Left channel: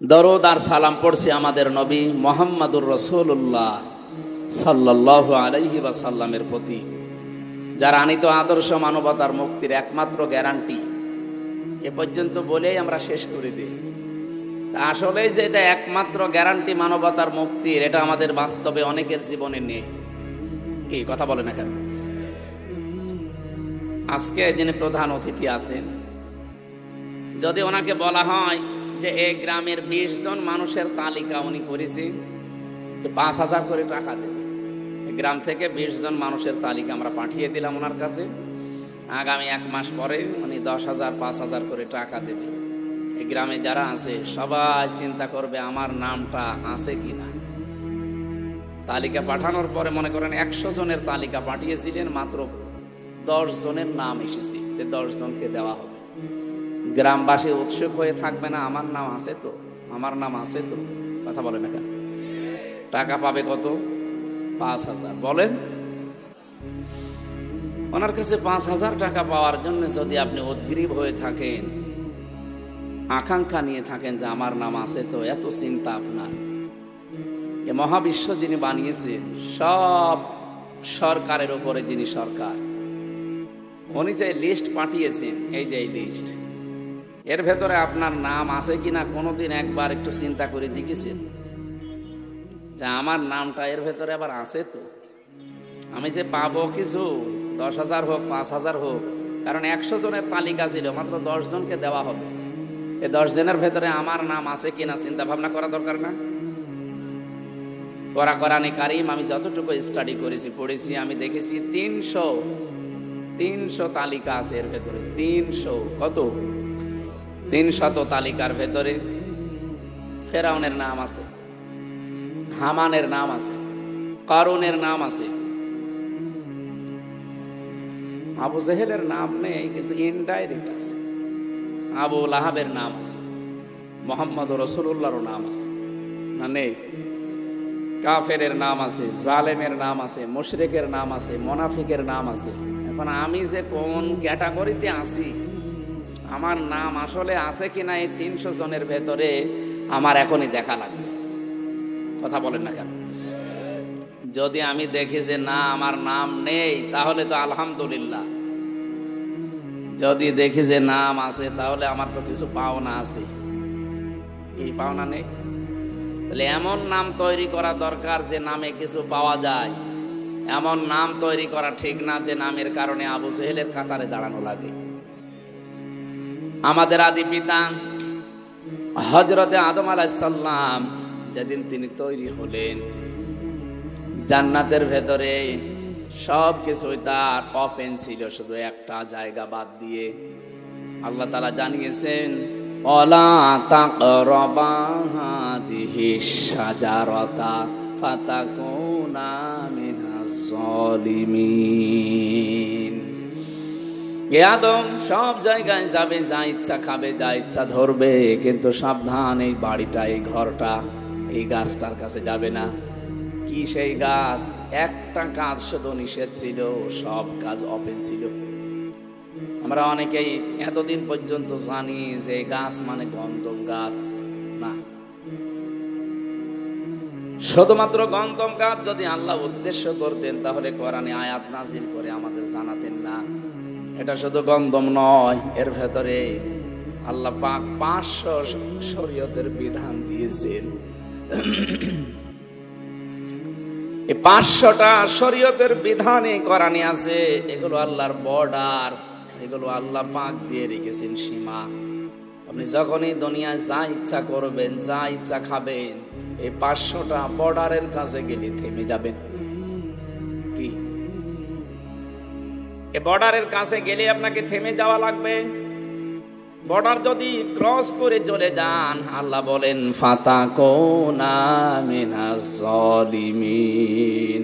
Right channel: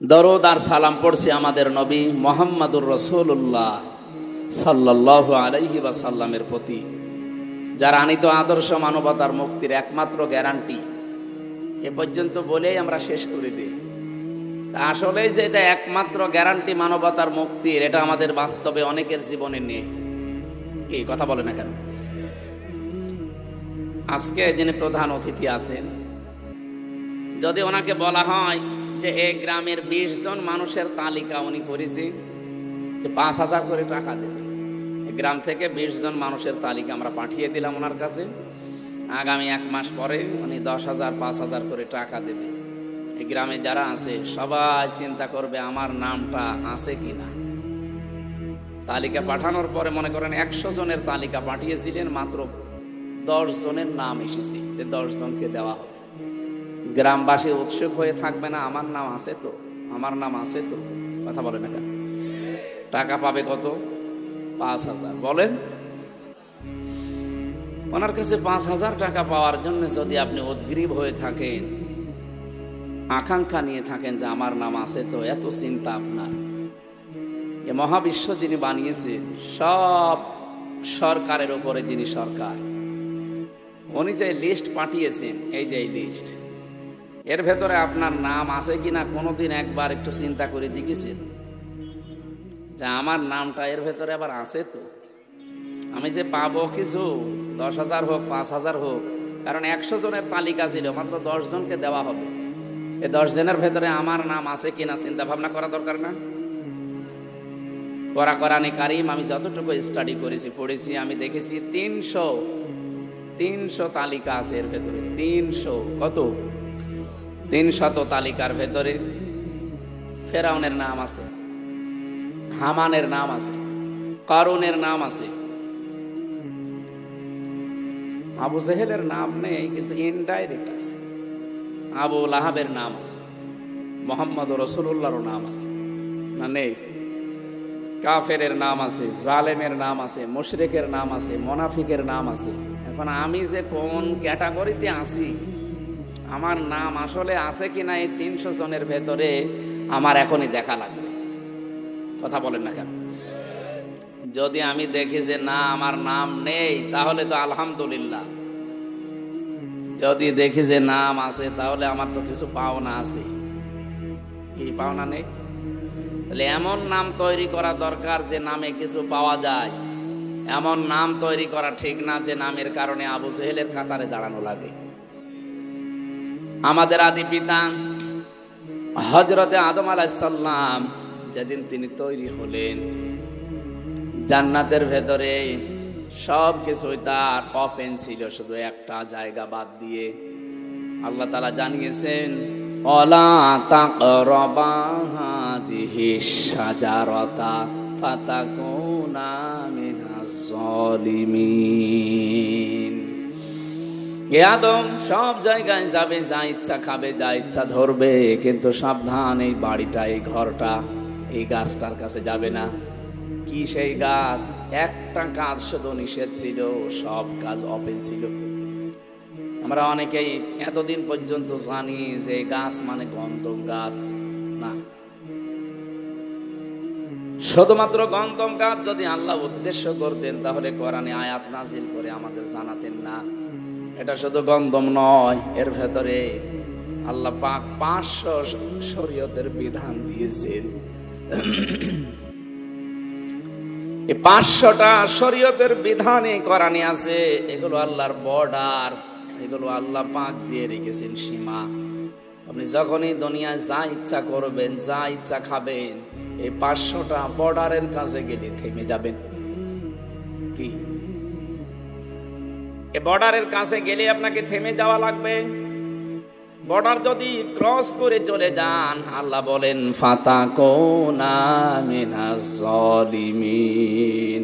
দরুদ আর সালাম পড়ছি আমাদের নবী মুহাম্মদুর রাসূলুল্লাহ সাল্লাল্লাহু আলাইহি ওয়াসাল্লামের প্রতি, যার আনিত আদর্শ মানবতার মুক্তির একমাত্র গ্যারান্টি। এ পর্যন্ত বলেই আমরা শেষ করে দিই। আসলে যে এটা একমাত্র গ্যারান্টি মানবতার মুক্তির, এটা আমাদের বাস্তবে অনেকের জীবনে নেই। কি কথা বলে না কেন? আজকে যিনি প্রধান অতিথি আছেন, যদি ওনাকে বলা হয় যে এই গ্রামের 20 জন মানুষের তালিকা উনি করেছেন, 5,000 করে টাকা দেবে। গ্রাম থেকে 20 জন মানুষের তালিকা আমরা পাঠিয়ে দিলাম ওনার কাছে। আগামী 1 মাস পরে উনি 10,000 5,000 করে টাকা দেবে। এই গ্রামে যারা আছে সবাই চিন্তা করবে আমার নামটা আছে কিনা। তালিকা পাঠানোর পরে মনে করেন 100 জনের তালিকা পাঠিয়েছিলেন, মাত্র 10 জনের নাম এসেছে, যে 10 জনকে দেওয়া হবে। গ্রামবাসী উৎসুক হয়ে থাকবে না, আমার নাম আছে তো, আমার নাম আছে তো। কথা বলে না, টাকা পাবে কত? 5,000। বলেন, ওনার কাছে 5,000 টাকা পাওয়ার জন্য যদি আপনি উদ্গ্রীব হয়ে থাকেন, আকাঙ্ক্ষা নিয়ে থাকেন যে আমার নাম আছে তো, এত চিন্তা আপনার, যে মহাবিশ্ব যিনি বানিয়েছেন, সব সরকারের উপরে যিনি সরকার, উনি যে লিস্ট পাঠিয়েছেন, এই যে লিস্ট, এর ভেতরে আপনার নাম আছে কিনা কোনোদিন একবার একটু চিন্তা করে দেখেছেন যে আমার নামটা এর ভেতরে আবার আছে তো? আমি যে পাবো কিছু, 10,000 হোক 5,000 হোক, কারণ 100 জনের তালিকা ছিল, মাত্র 10 জনকে দেওয়া হবে। এই 10 জনের ভেতরে আমার নাম আছে কিনা চিন্তা ভাবনা করা দরকার না? কোরআনে কারীম আমি যতটুকু স্টাডি করেছি, পড়েছি, আমি দেখেছি 300 তালিকা আছে এর ভেতরে। 300 কত? 300 তালিকার ভেতরে ফেরাউনের নাম আছে, হামানের নাম আছে, কারুনের নাম আছে, আবু জেহেলের নাম নেই কিন্তু ইনডাইরেক্ট আছে, আবু লাহাবের নাম আছে, মুহাম্মদুর রাসূলুল্লাহর নাম আছে না নেই? কাফেরের নাম আছে, জালেমের নাম আছে, মুশরিকের নাম আছে, মুনাফিকের নাম আছে। এখন আমি যে কোন ক্যাটাগরিতে আছি, আমার নাম আসলে আছে কিনা এই 300 জনের ভেতরে, আমার এখনই দেখা লাগবে। কথা বলেন না কেন? যদি আমি দেখি যে না আমার নাম নেই, তাহলে তো আলহামদুলিল্লাহ। যদি দেখি যে নাম আছে, তাহলে আমার তো কিছু পাওনা আছে। কি পাওনা নেই? এমন নাম তৈরি করা দরকার যে নামে কিছু পাওয়া যায়। এমন নাম তৈরি করা ঠিক না যে নামের কারণে আবু জেহেলের কাতারে দাঁড়ানো লাগে। আমাদের আদি পিতা হযরতে আদম আলাইহিস সালাম যেদিন তিনি তৈরি হলেন, জান্নাতের ভেতরে সবকিছু তার ওপেন ছিল, শুধু একটা জায়গা বাদ দিয়ে। আল্লাহ তাআলা জানিয়েছেন, ওয়ালা তাকরাবা হাযিহিশ শাজারাতা ফাতাকুনা মিনাজ জালিমিন। হে আদম, সব জায়গায় যাবে, যা ইচ্ছা খাবে, যা ইচ্ছা ধরবে, কিন্তু সাবধান, এই বাড়িটা, এই ঘরটা, এই গাছটার কাছে যাবে না। কি সেই গাছ? একটা কাজ শুধু নিষেধ ছিল, সব কাজ ওপেন ছিল। আমরা অনেকেই এতদিন পর্যন্ত জানি যে গাছ মানে গন্ধম গাছ না, শুধুমাত্র গন্ধম গাছ যদি আল্লাহ উদ্দেশ্য করতেন, তাহলে কোরআনে আয়াত নাযিল করে আমাদের জানাতেন না এটা শুধু গন্ধম নয়, এর ভেতরে আল্লাহ পাক 500 শরীয়তের বিধান দিয়েছেন। 500টা শরীয়তের বিধান এই কোরআনে আছে। এগুলো আল্লাহর বর্ডার, এগুলো আল্লাহ পাক দিয়ে রেখেছেন সীমা। আপনি যখনই দুনিয়ায় যা ইচ্ছা করবেন, যা ইচ্ছা খাবেন, এই 500টা বর্ডারের কাছে গেলে থেমে যাবেন। কি এই বর্ডারের কাছে গেলে আপনাকে থেমে যাওয়া লাগবে? বর্ডার যদি ক্রস করে চলে যান, আল্লাহ বলেন ফাতাকুনা মিনাজ জালিমিন,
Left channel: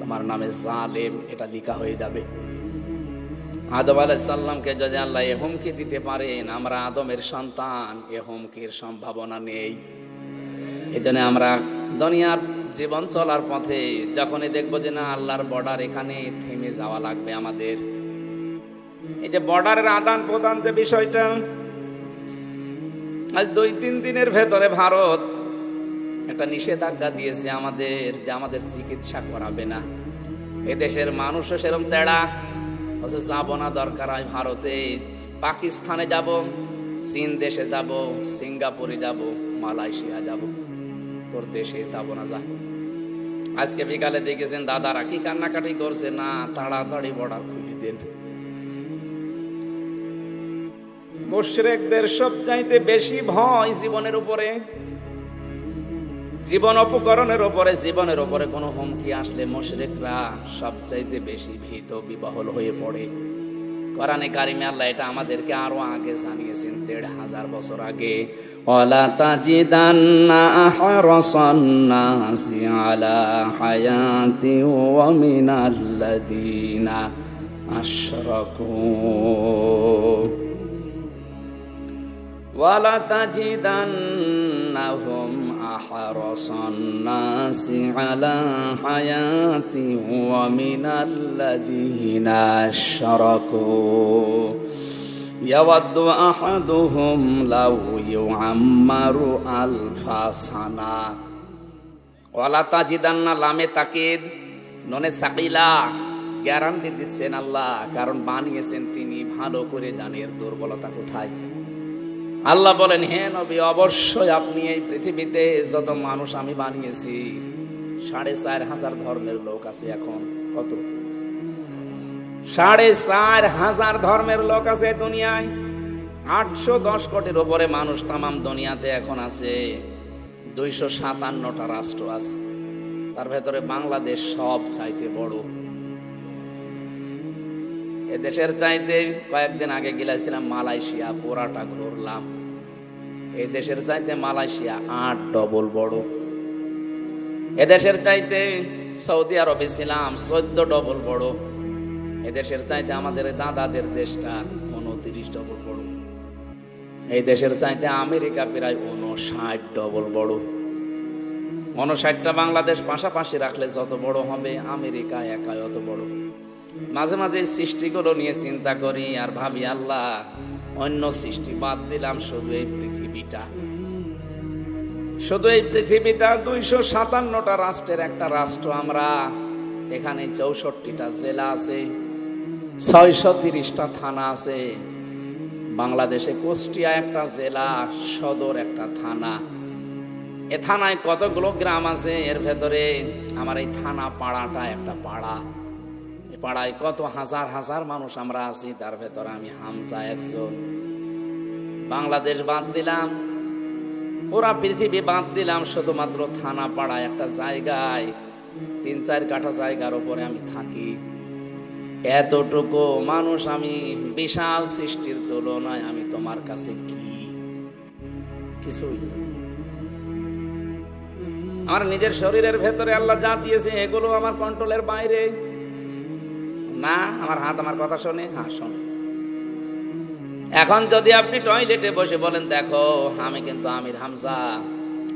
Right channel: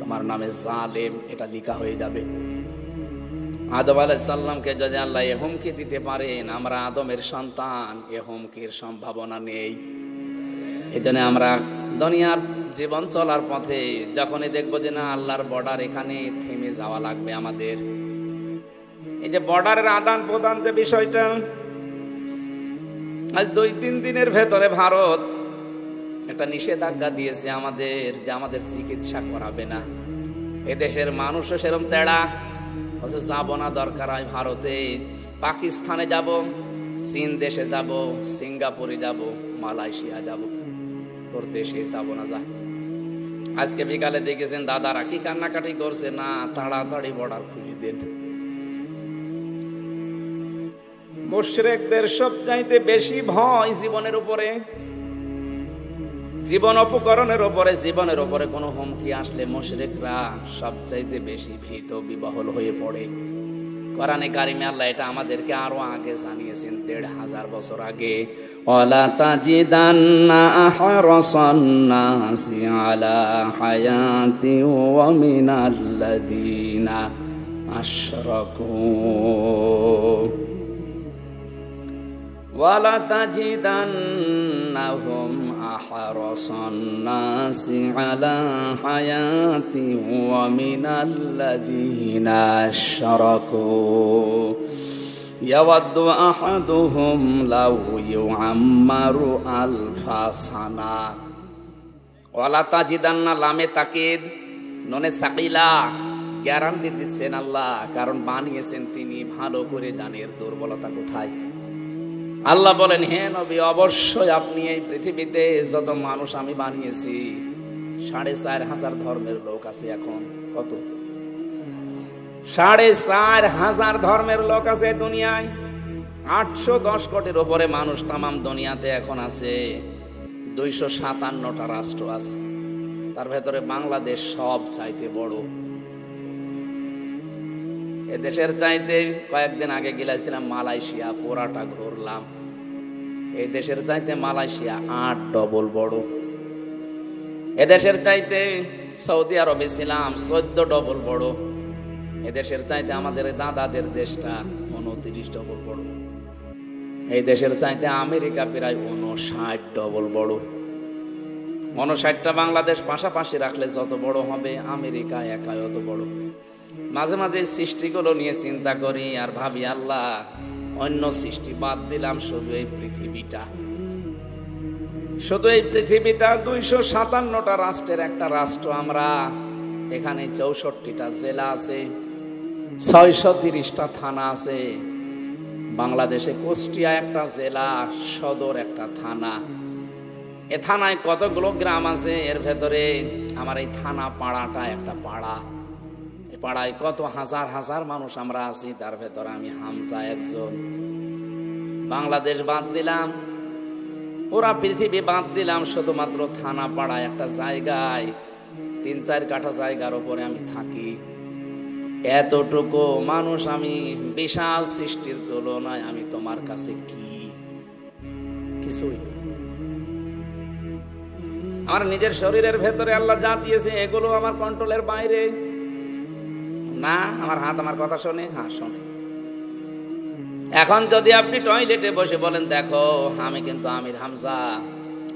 তোমার নামে জালেম এটা লেখা হয়ে যাবে। আদম আলাইহিস সালামকে যদি আল্লাহ এ হুমকি দিতে পারেন, আমরা আদমের সন্তান, এ হুমকির সম্ভাবনা নেই। এজন্য আমরা দুনিয়ার জীবন চলার পথে যখনই দেখবো যে না আল্লাহর বর্ডার, এখানে থেমে যাওয়া লাগবে আমাদের। এই যে বর্ডারের আদান প্রদান যে বিষয়টা, আজ 2-3 দিনের ভেতরে ভারত একটা নিষেধাজ্ঞা দিয়েছে আমাদের, যে আমাদের চিকিৎসা করাবে না। এদেশের মানুষও সেরকম তেড়া, যাবো না, দরকার হয় ভারতে, পাকিস্তানে যাব, চীন দেশে যাব, সিঙ্গাপুরে যাব, মালয়েশিয়া যাব, তোর দেশে যাবো না, যা। আজকে বিকালে দেখেছেন দাদারা কি কান্নাকাটি করছে, না তাড়াতাড়ি বর্ডার খুলে দিন। মুশরিকদের সবচাইতে বেশি ভয় জীবনের উপরে, জীবন অপকরণের উপরে, জীবনের উপরে কোনো হুমকি আসলে মুশরিকরা সবচাইতে বেশি ভীত বিহ্বল হয়ে পড়ে। কোরআনে কারিমে আল্লাহ এটা আমাদেরকে আরো আগে জানিয়েছেন, 1500 বছর আগে। ওয়ালা তাজিদান্না আহরাসান নাসি আলা হায়াতি ওয়া মিনাল্লাযিনা আশরাকু ওয়ালা তাজিদান্নাহুম আহরাসান নাসি আলা হায়াতি ওয়া মিনাল্লাযিনা আশরাকু ইয়াওয়াদ্দু আহাদুহুম লাউ ইউআম্মারু আলফা সানা। ওয়ালা তাজিদান্না লামে তাকিদ, নুনে সাকিলা, গ্যারান্টি দিচ্ছেন আল্লাহ, কারণ বানিয়েছেন তিনি, ভালো করে জানেন দুর্বলতা কোথায়। আল্লাহ বলেন, হে নবী, অবশ্যই আপনি এই পৃথিবীতে যত মানুষ আমি বানিয়েছি, 4500 ধর্মের লোক আছে। এখন 4500 ধর্মের লোক আছে দুনিয়ায়, 810 কোটির উপরে মানুষ তামাম দুনিয়াতে এখন আছে। 257টা রাষ্ট্র আছে, তার ভেতরে বাংলাদেশ সব চাইতে বড়। এদেশের চাইতে কয়েকদিন আগে গেছিলাম মালয়েশিয়া, পুরাটা ঘুরলাম। এই দেশের চাইতে মালয়েশিয়া 8 ডবল বড়। এদেশের চাইতে সৌদি আরবে ছিলাম, 14 ডবল বড়। এদেশের চাইতে আমাদের দাদাদের দেশটা 29 ডবল বড়। এই দেশের চাইতে আমেরিকা প্রায় 59 ডবল বড়। 59টা বাংলাদেশ পাশাপাশি রাখলে যত বড় হবে, আমেরিকা একাই অত বড়। মাঝে মাঝে সৃষ্টিগুলো নিয়ে চিন্তা করি আর ভাবি, আল্লাহ অন্য সৃষ্টি বাদ দিলাম, শুধু এই পৃথিবীটা, শুধু এই পৃথিবীটা 257টা রাষ্ট্রের একটা রাষ্ট্র আমরা। এখানে 64টা জেলা আছে, 630টা থানা আছে। বাংলাদেশে কুষ্টিয়া একটা জেলা, সদর একটা থানা। এ থানায় কতগুলো গ্রাম আছে, এর ভেতরে আমার এই থানা পাড়াটা একটা পাড়া। পাড়ায় কত হাজার হাজার মানুষ আমরা আছি, তার ভেতরে আমি হামজা একজন। বাংলাদেশ বাদ দিলাম, পুরা পৃথিবী বাদ দিলাম, শুধুমাত্র থানা পাড়ায় একটা জায়গায় 3-4 কাঠা জায়গার উপরে আমি থাকি। এতটুকু মানুষ আমি, বিশাল সৃষ্টির তুলনায় আমি তোমার কাছে কি কিছুই। আমার নিজের শরীরের ভেতরে আল্লাহ যা দিয়েছে এগুলো আমার কন্ট্রোলের বাইরে না। আমার হাত আমার কথা শোনে, হ্যাঁ শোনে। এখন যদি আপনি টয়লেটে বসে বলেন, দেখো আমি কিন্তু আমির হামজা,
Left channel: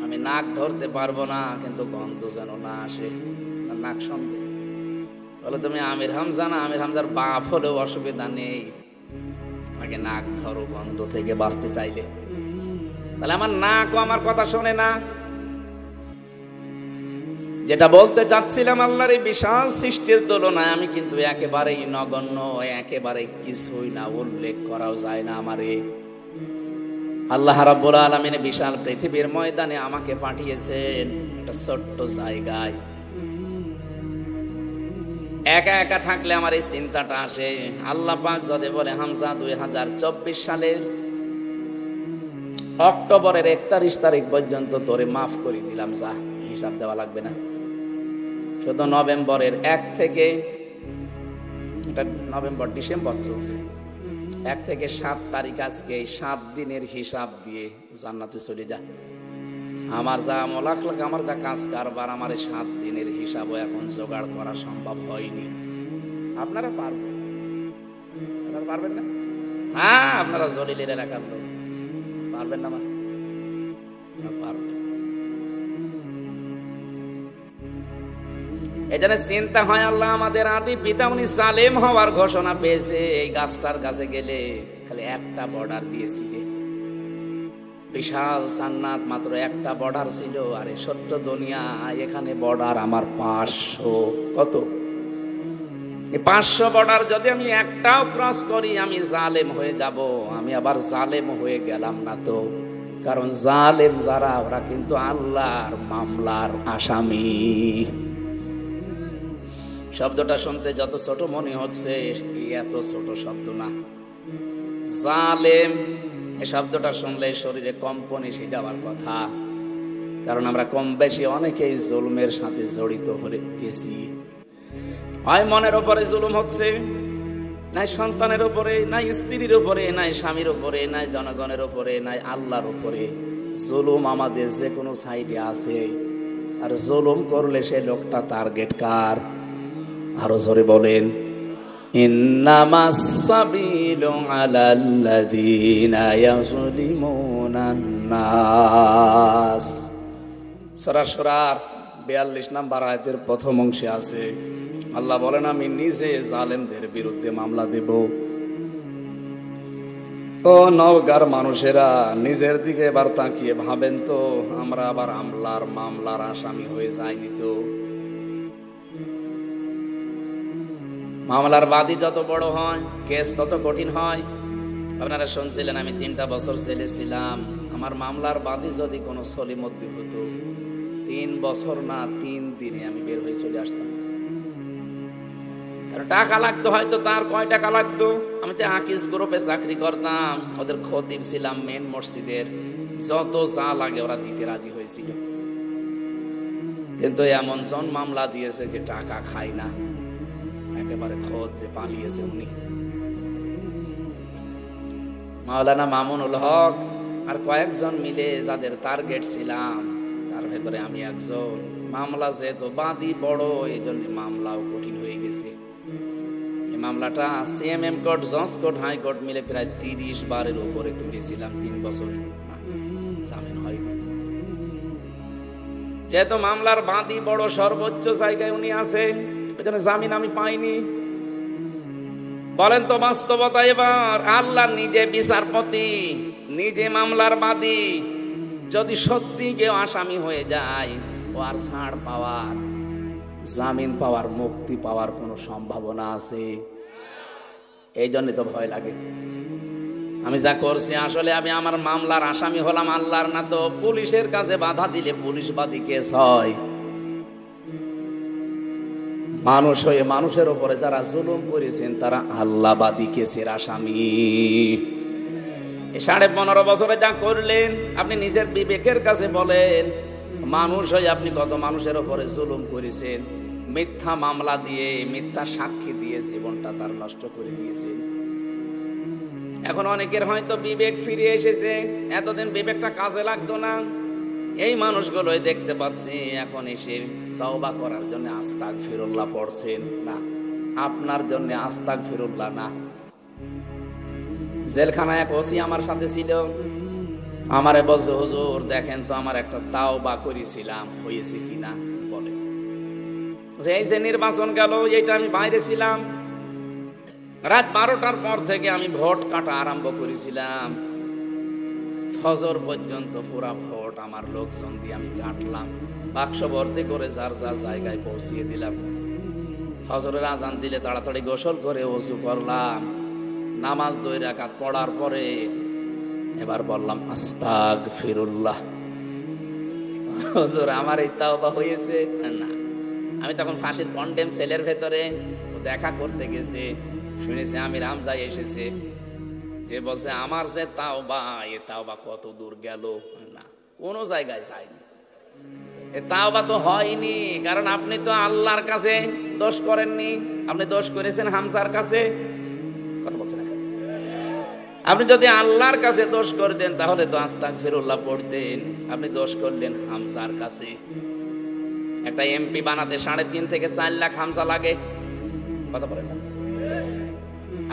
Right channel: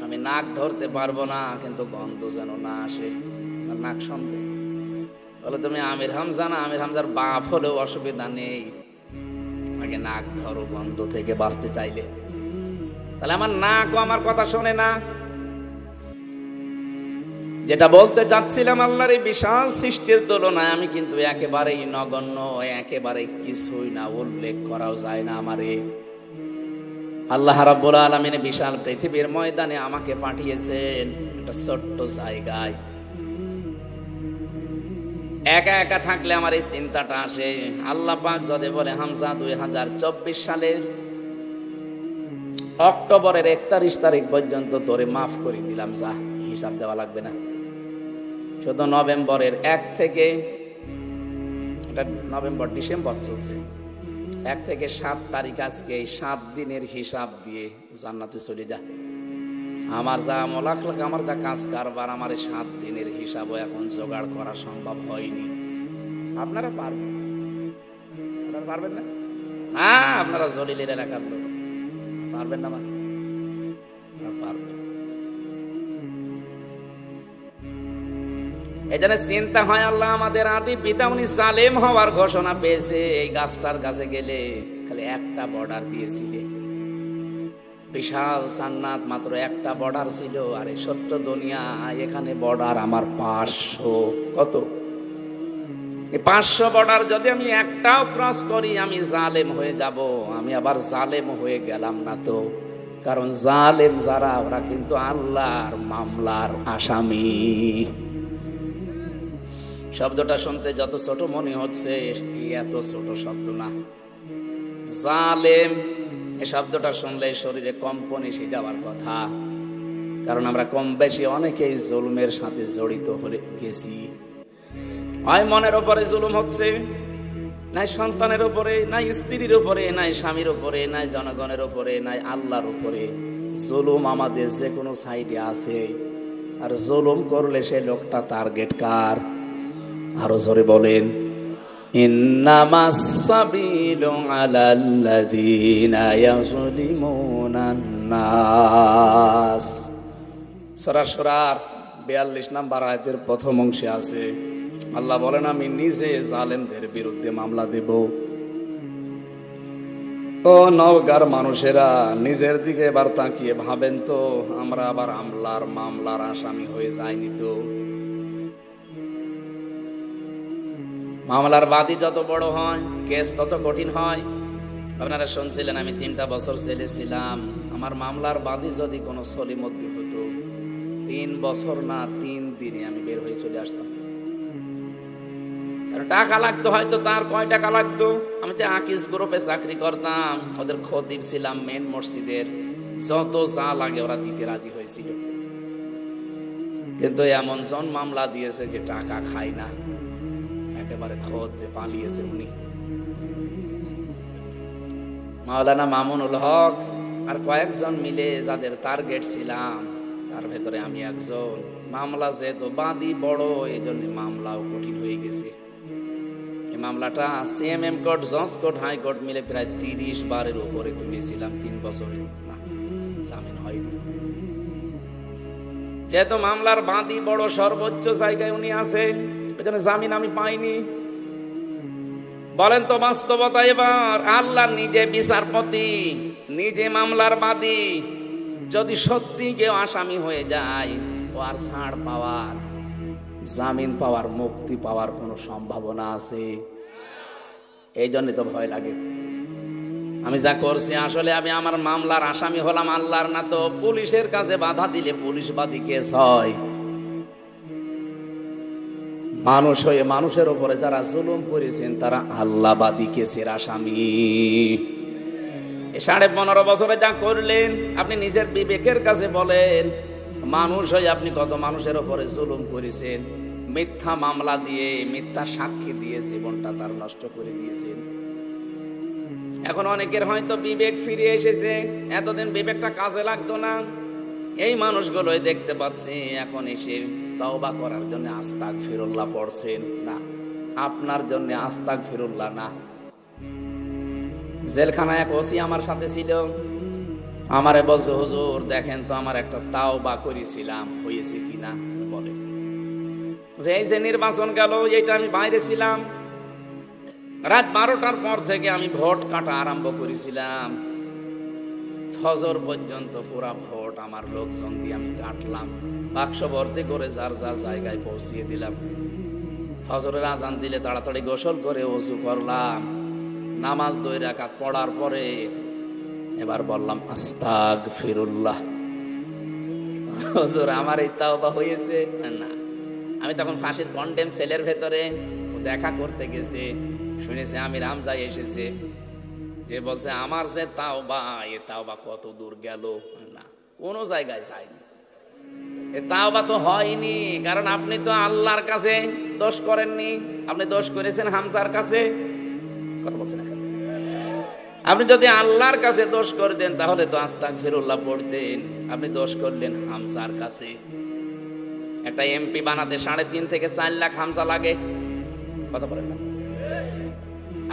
আমি নাক ধরতে পারবো না, কিন্তু গন্ধ যেন না আসে, নাক শুনবে, বলে তুমি আমির হামজা না, আমির হামজার বাপ হলেও অসুবিধা নেই, আগে নাক ধরো গন্ধ থেকে বাঁচতে চাইলে। তাহলে আমার নাকও আমার কথা শোনে না। যেটা বলতে চাচ্ছিলাম, আল্লাহর এই বিশাল সৃষ্টির তুলনায় আমি কিন্তু একেবারেই নগণ্য, একেবারে কিছুই না, উল্লেখ করাও যায় না আমারে। আল্লাহ রাব্বুল আলামিন বিশাল পৃথিবীর ময়দানে আমাকে পাঠিয়েছেন একটা ছোট্ট জায়গায়। একা একা থাকলে আমার এই চিন্তাটা আসে, আল্লাহ পাক যদি বলে, হামজা 2024 সালের অক্টোবরের 31 তারিখ পর্যন্ত তোরে মাফ করে দিলাম, যা, হিসাব দেওয়া লাগবে না। শুধু নভেম্বরের 1 থেকে, নভেম্বর ডিসেম্বর চলছে, 1 থেকে 7 তারিখ, আজকে এই 7 দিনের হিসাব দিয়ে জান্নাতে চলে যা। আমার যা আমল আখলাক, আমার যা কাজ কারবার, আমার এই 7 দিনের হিসাবও এখন জোগাড় করা সম্ভব হয়নি। আপনারা পারবেন? এজন্য চিন্তা হয়, আল্লাহ আমাদের আদি পিতা উনি সালেম হওয়ার ঘোষণা পেয়েছে, এই গাছটার কাছে গেলে খালি একটা বর্ডার দিয়েছিলেন, মাত্র একটা বর্ডার ছিল, আর এই সত্য দুনিয়া এখানে বর্ডার আমার 500। কত? 500 বর্ডার যদি আমি একটাও ক্রস করি আমি জালেম হয়ে যাব। আমি আবার জালেম হয়ে গেলাম না তো, কারণ জালেম যারা ওরা কিন্তু আল্লাহর মামলার আসামি। শব্দটা শুনতে যত ছোট মনে হচ্ছে এত ছোট শব্দ না। জালেম এই শব্দটা শুনলে শরীরে কম্পন এসে যাওয়ার কথা, কারণ আমরা কম বেশি অনেকেই জুলুমের সাথে জড়িত হয়ে গেছি। হয় মনের উপরে জুলুম হচ্ছে, নাই সন্তানের উপরে, নাই স্ত্রীর উপরে, নাই স্বামীর উপরে, নাই জনগণের উপরে, নাই আল্লাহর উপরে। জুলুম আমাদের যে কোনো সাইডে আছে, আর জুলুম করলে সে লোকটা টার্গেট কার? আরো জোরে বলেন, ইন্নামাস সাবিলু আলাল্লাযীনা ইয়াযলিমুনান নাস। সূরা শুরার 42 নম্বর আয়াতের প্রথম অংশে আছে, আল্লাহ বলেন আমি নিজে জালেমদের বিরুদ্ধে মামলা দেব। ও নওগাঁর মানুষেরা নিজের দিকে এবার তাকিয়ে ভাবেন তো, আমরা আবার মামলার আসামি হয়ে যাইনি তো? মামলার বাদী যত বড় হয় কেস তত কঠিন হয়। আপনারা শুনছিলেন আমি 3টা বছর জেলে ছিলাম। আমার মামলার বাদী যদি কোনো সলিমদ্দি হতো, 3 বছর না 3 দিনে আমি বের হয়ে চলে আসতাম। কারণ টাকা লাগতো, হয়তো তার কয় টাকা লাগতো। আমি যে আকিস গ্রুপে চাকরি করতাম, ওদের খতিব ছিলাম মেন মসজিদের, যত যা লাগে ওরা দিতে রাজি হয়েছিল। কিন্তু এমন জন মামলা দিয়েছে যে টাকা খাই না, একেবারে খোঁজ যে পালিয়েছে উনি। মাওলানা মামুনুল হক আর কয়েকজন মিলে যাদের টার্গেট ছিলাম, তার ভেতরে আমি একজন। মামলা যেহেতু বাদী বড়, এই জন্য মামলাও কঠিন হয়ে গেছে। এই মামলাটা সিএমএম কোর্ট, জজ কোর্ট, হাইকোর্ট মিলে প্রায় 30 বারের উপরে তুলেছিলাম 3 বছরে, জামিন হয়নি। যেহেতু মামলার বাদী বড়, সর্বোচ্চ জায়গায় উনি আছে, ওই জন্য জামিন আমি পাইনি। বলেন তো বাস্তবতা, এবার আল্লাহ নিজে বিচারপতি, নিজে মামলার বাদী, যদি সত্যি কেউ আসামি হয়ে যায়, ও আর ছাড় পাওয়ার, জামিন পাওয়ার, মুক্তি পাওয়ার কোনো সম্ভাবনা আছে? এই জন্য তো ভয় লাগে। আমি যা করছি আসলে আমি আমার মামলার আসামি হলাম আল্লাহর না তো পুলিশের কাছে বাধা দিলে পুলিশ বাদী কেস হয়। মানুষ হয়ে মানুষের উপরে যারা জুলুম করেছেন তারা আল্লাহবাদী কেসের আসামি। 15.5 বছরে যা করলেন আপনি নিজের বিবেকের কাছে বলেন, মানুষ হয়ে আপনি কত মানুষের উপরে জুলুম করেছেন, মিথ্যা মামলা দিয়ে, মিথ্যা সাক্ষী দিয়ে জীবনটা তার নষ্ট করে দিয়েছেন। এখন অনেকের হয়তো বিবেক ফিরে এসেছে, এতদিন বিবেকটা কাজে লাগতো না। এই মানুষগুলোই দেখতে পাচ্ছি এখন এসে তওবা করার জন্য আস্তাগফিরুল্লাহ পড়ছেন। না, আপনার জন্য আস্তাগফিরুল্লাহ না। জেলখানায় ওসি আমার সাথে ছিল, আমারে বলছে হুজুর দেখেন তো আমার একটা তওবা করেছিলাম, যে নির্বাচন গেল এটা আমি বাইরে ছিলাম, রাত 12টার পর থেকে আমি ভোট কাটা আরম্ভ করেছিলাম, ফজর পর্যন্ত পুরা ভোট আমার লোকজন দিয়ে আমি কাটলাম, বাক্স ভর্তি করে যার যার জায়গায় পৌঁছিয়ে দিলাম। ফজরের আজান দিলে তাড়াতাড়ি গোসল করে ওযু করলাম, নামাজ 2 রাকাত পড়ার পরে এবার বললাম আস্তাগফিরুল্লাহ। হুজুর আমার এই তাওবা হয়েছে না। আমি তখন ফাঁসির কন্ডেম সেলের ভেতরে দেখা করতে গেছি, শুনেছি আমির হামজা এসেছে, যে বলছে আমার যে তাওবা, এই তাওবা কত দূর গেল, না কোনো জায়গায় যায়নি। তাওবা তো হয়নি, কারণ আপনি তো আল্লাহর কাছে দোষ করেননি, আপনি দোষ করেছেন হামজার কাছে। আপনি যদি আল্লাহর কাছে দোষ করতেন তাহলে তো আস্তাগফিরুল্লাহ পড়তেন, আপনি দোষ করলেন হামজার কাছে। একটা এমপি বানাতে 3.5 থেকে 4 লাখ হামজা লাগে, কথা বলেন।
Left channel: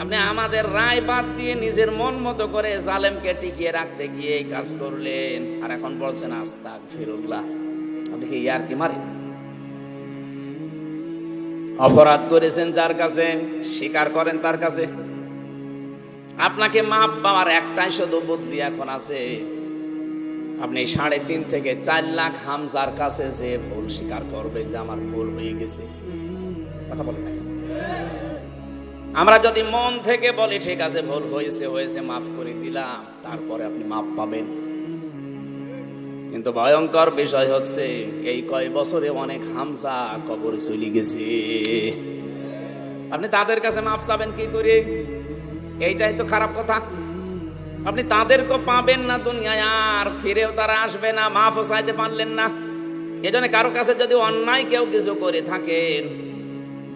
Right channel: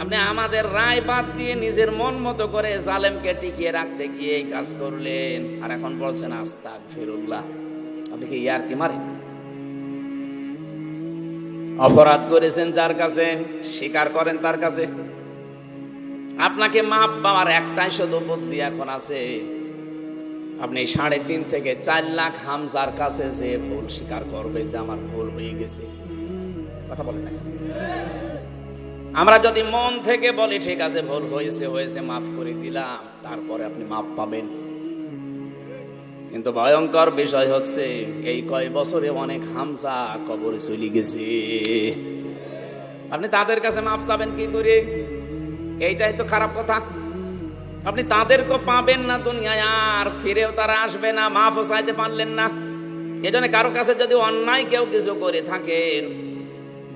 আপনি আমাদের রায় বাদ দিয়ে নিজের মন মতো করে জালেমকে টিকিয়ে রাখতে গিয়ে কাজ করলেন, আর এখন বলছেন আস্তাগফিরুল্লাহ। আপনি কি ইয়ার কি মারি? অপরাধ করেছেন যার কাছে, স্বীকার করেন তার কাছে। আপনাকে মাপবার একটাই শুধু বুদ্ধি আছে, আপনি 3.5 থেকে 4 লাখ হামজার কাছে যে স্বীকার করবেন যে আমার ভুল হয়ে গেছে। কথা বলেন না। আমরা যদি মন থেকে বলি ঠিক আছে ভুল হয়েছে হয়েছে মাফ করে দিলাম, তারপরে আপনি মাফ পাবেন। কিন্তু ভয়ঙ্কর বিষয় হচ্ছে এই কয় বছরে অনেক হামজা কবরে চলে গেছে, আপনি তাদের কাছে মাফ চাবেন কি করে? এইটাই তো খারাপ কথা। আপনি তাদেরকে পাবেন না দুনিয়ায়, আর ফিরেও তারা আসবে না, মাফও চাইতে পারলেন না। এজন্য কারো কাছে যদি অন্যায় কেউ কিছু করে থাকেন,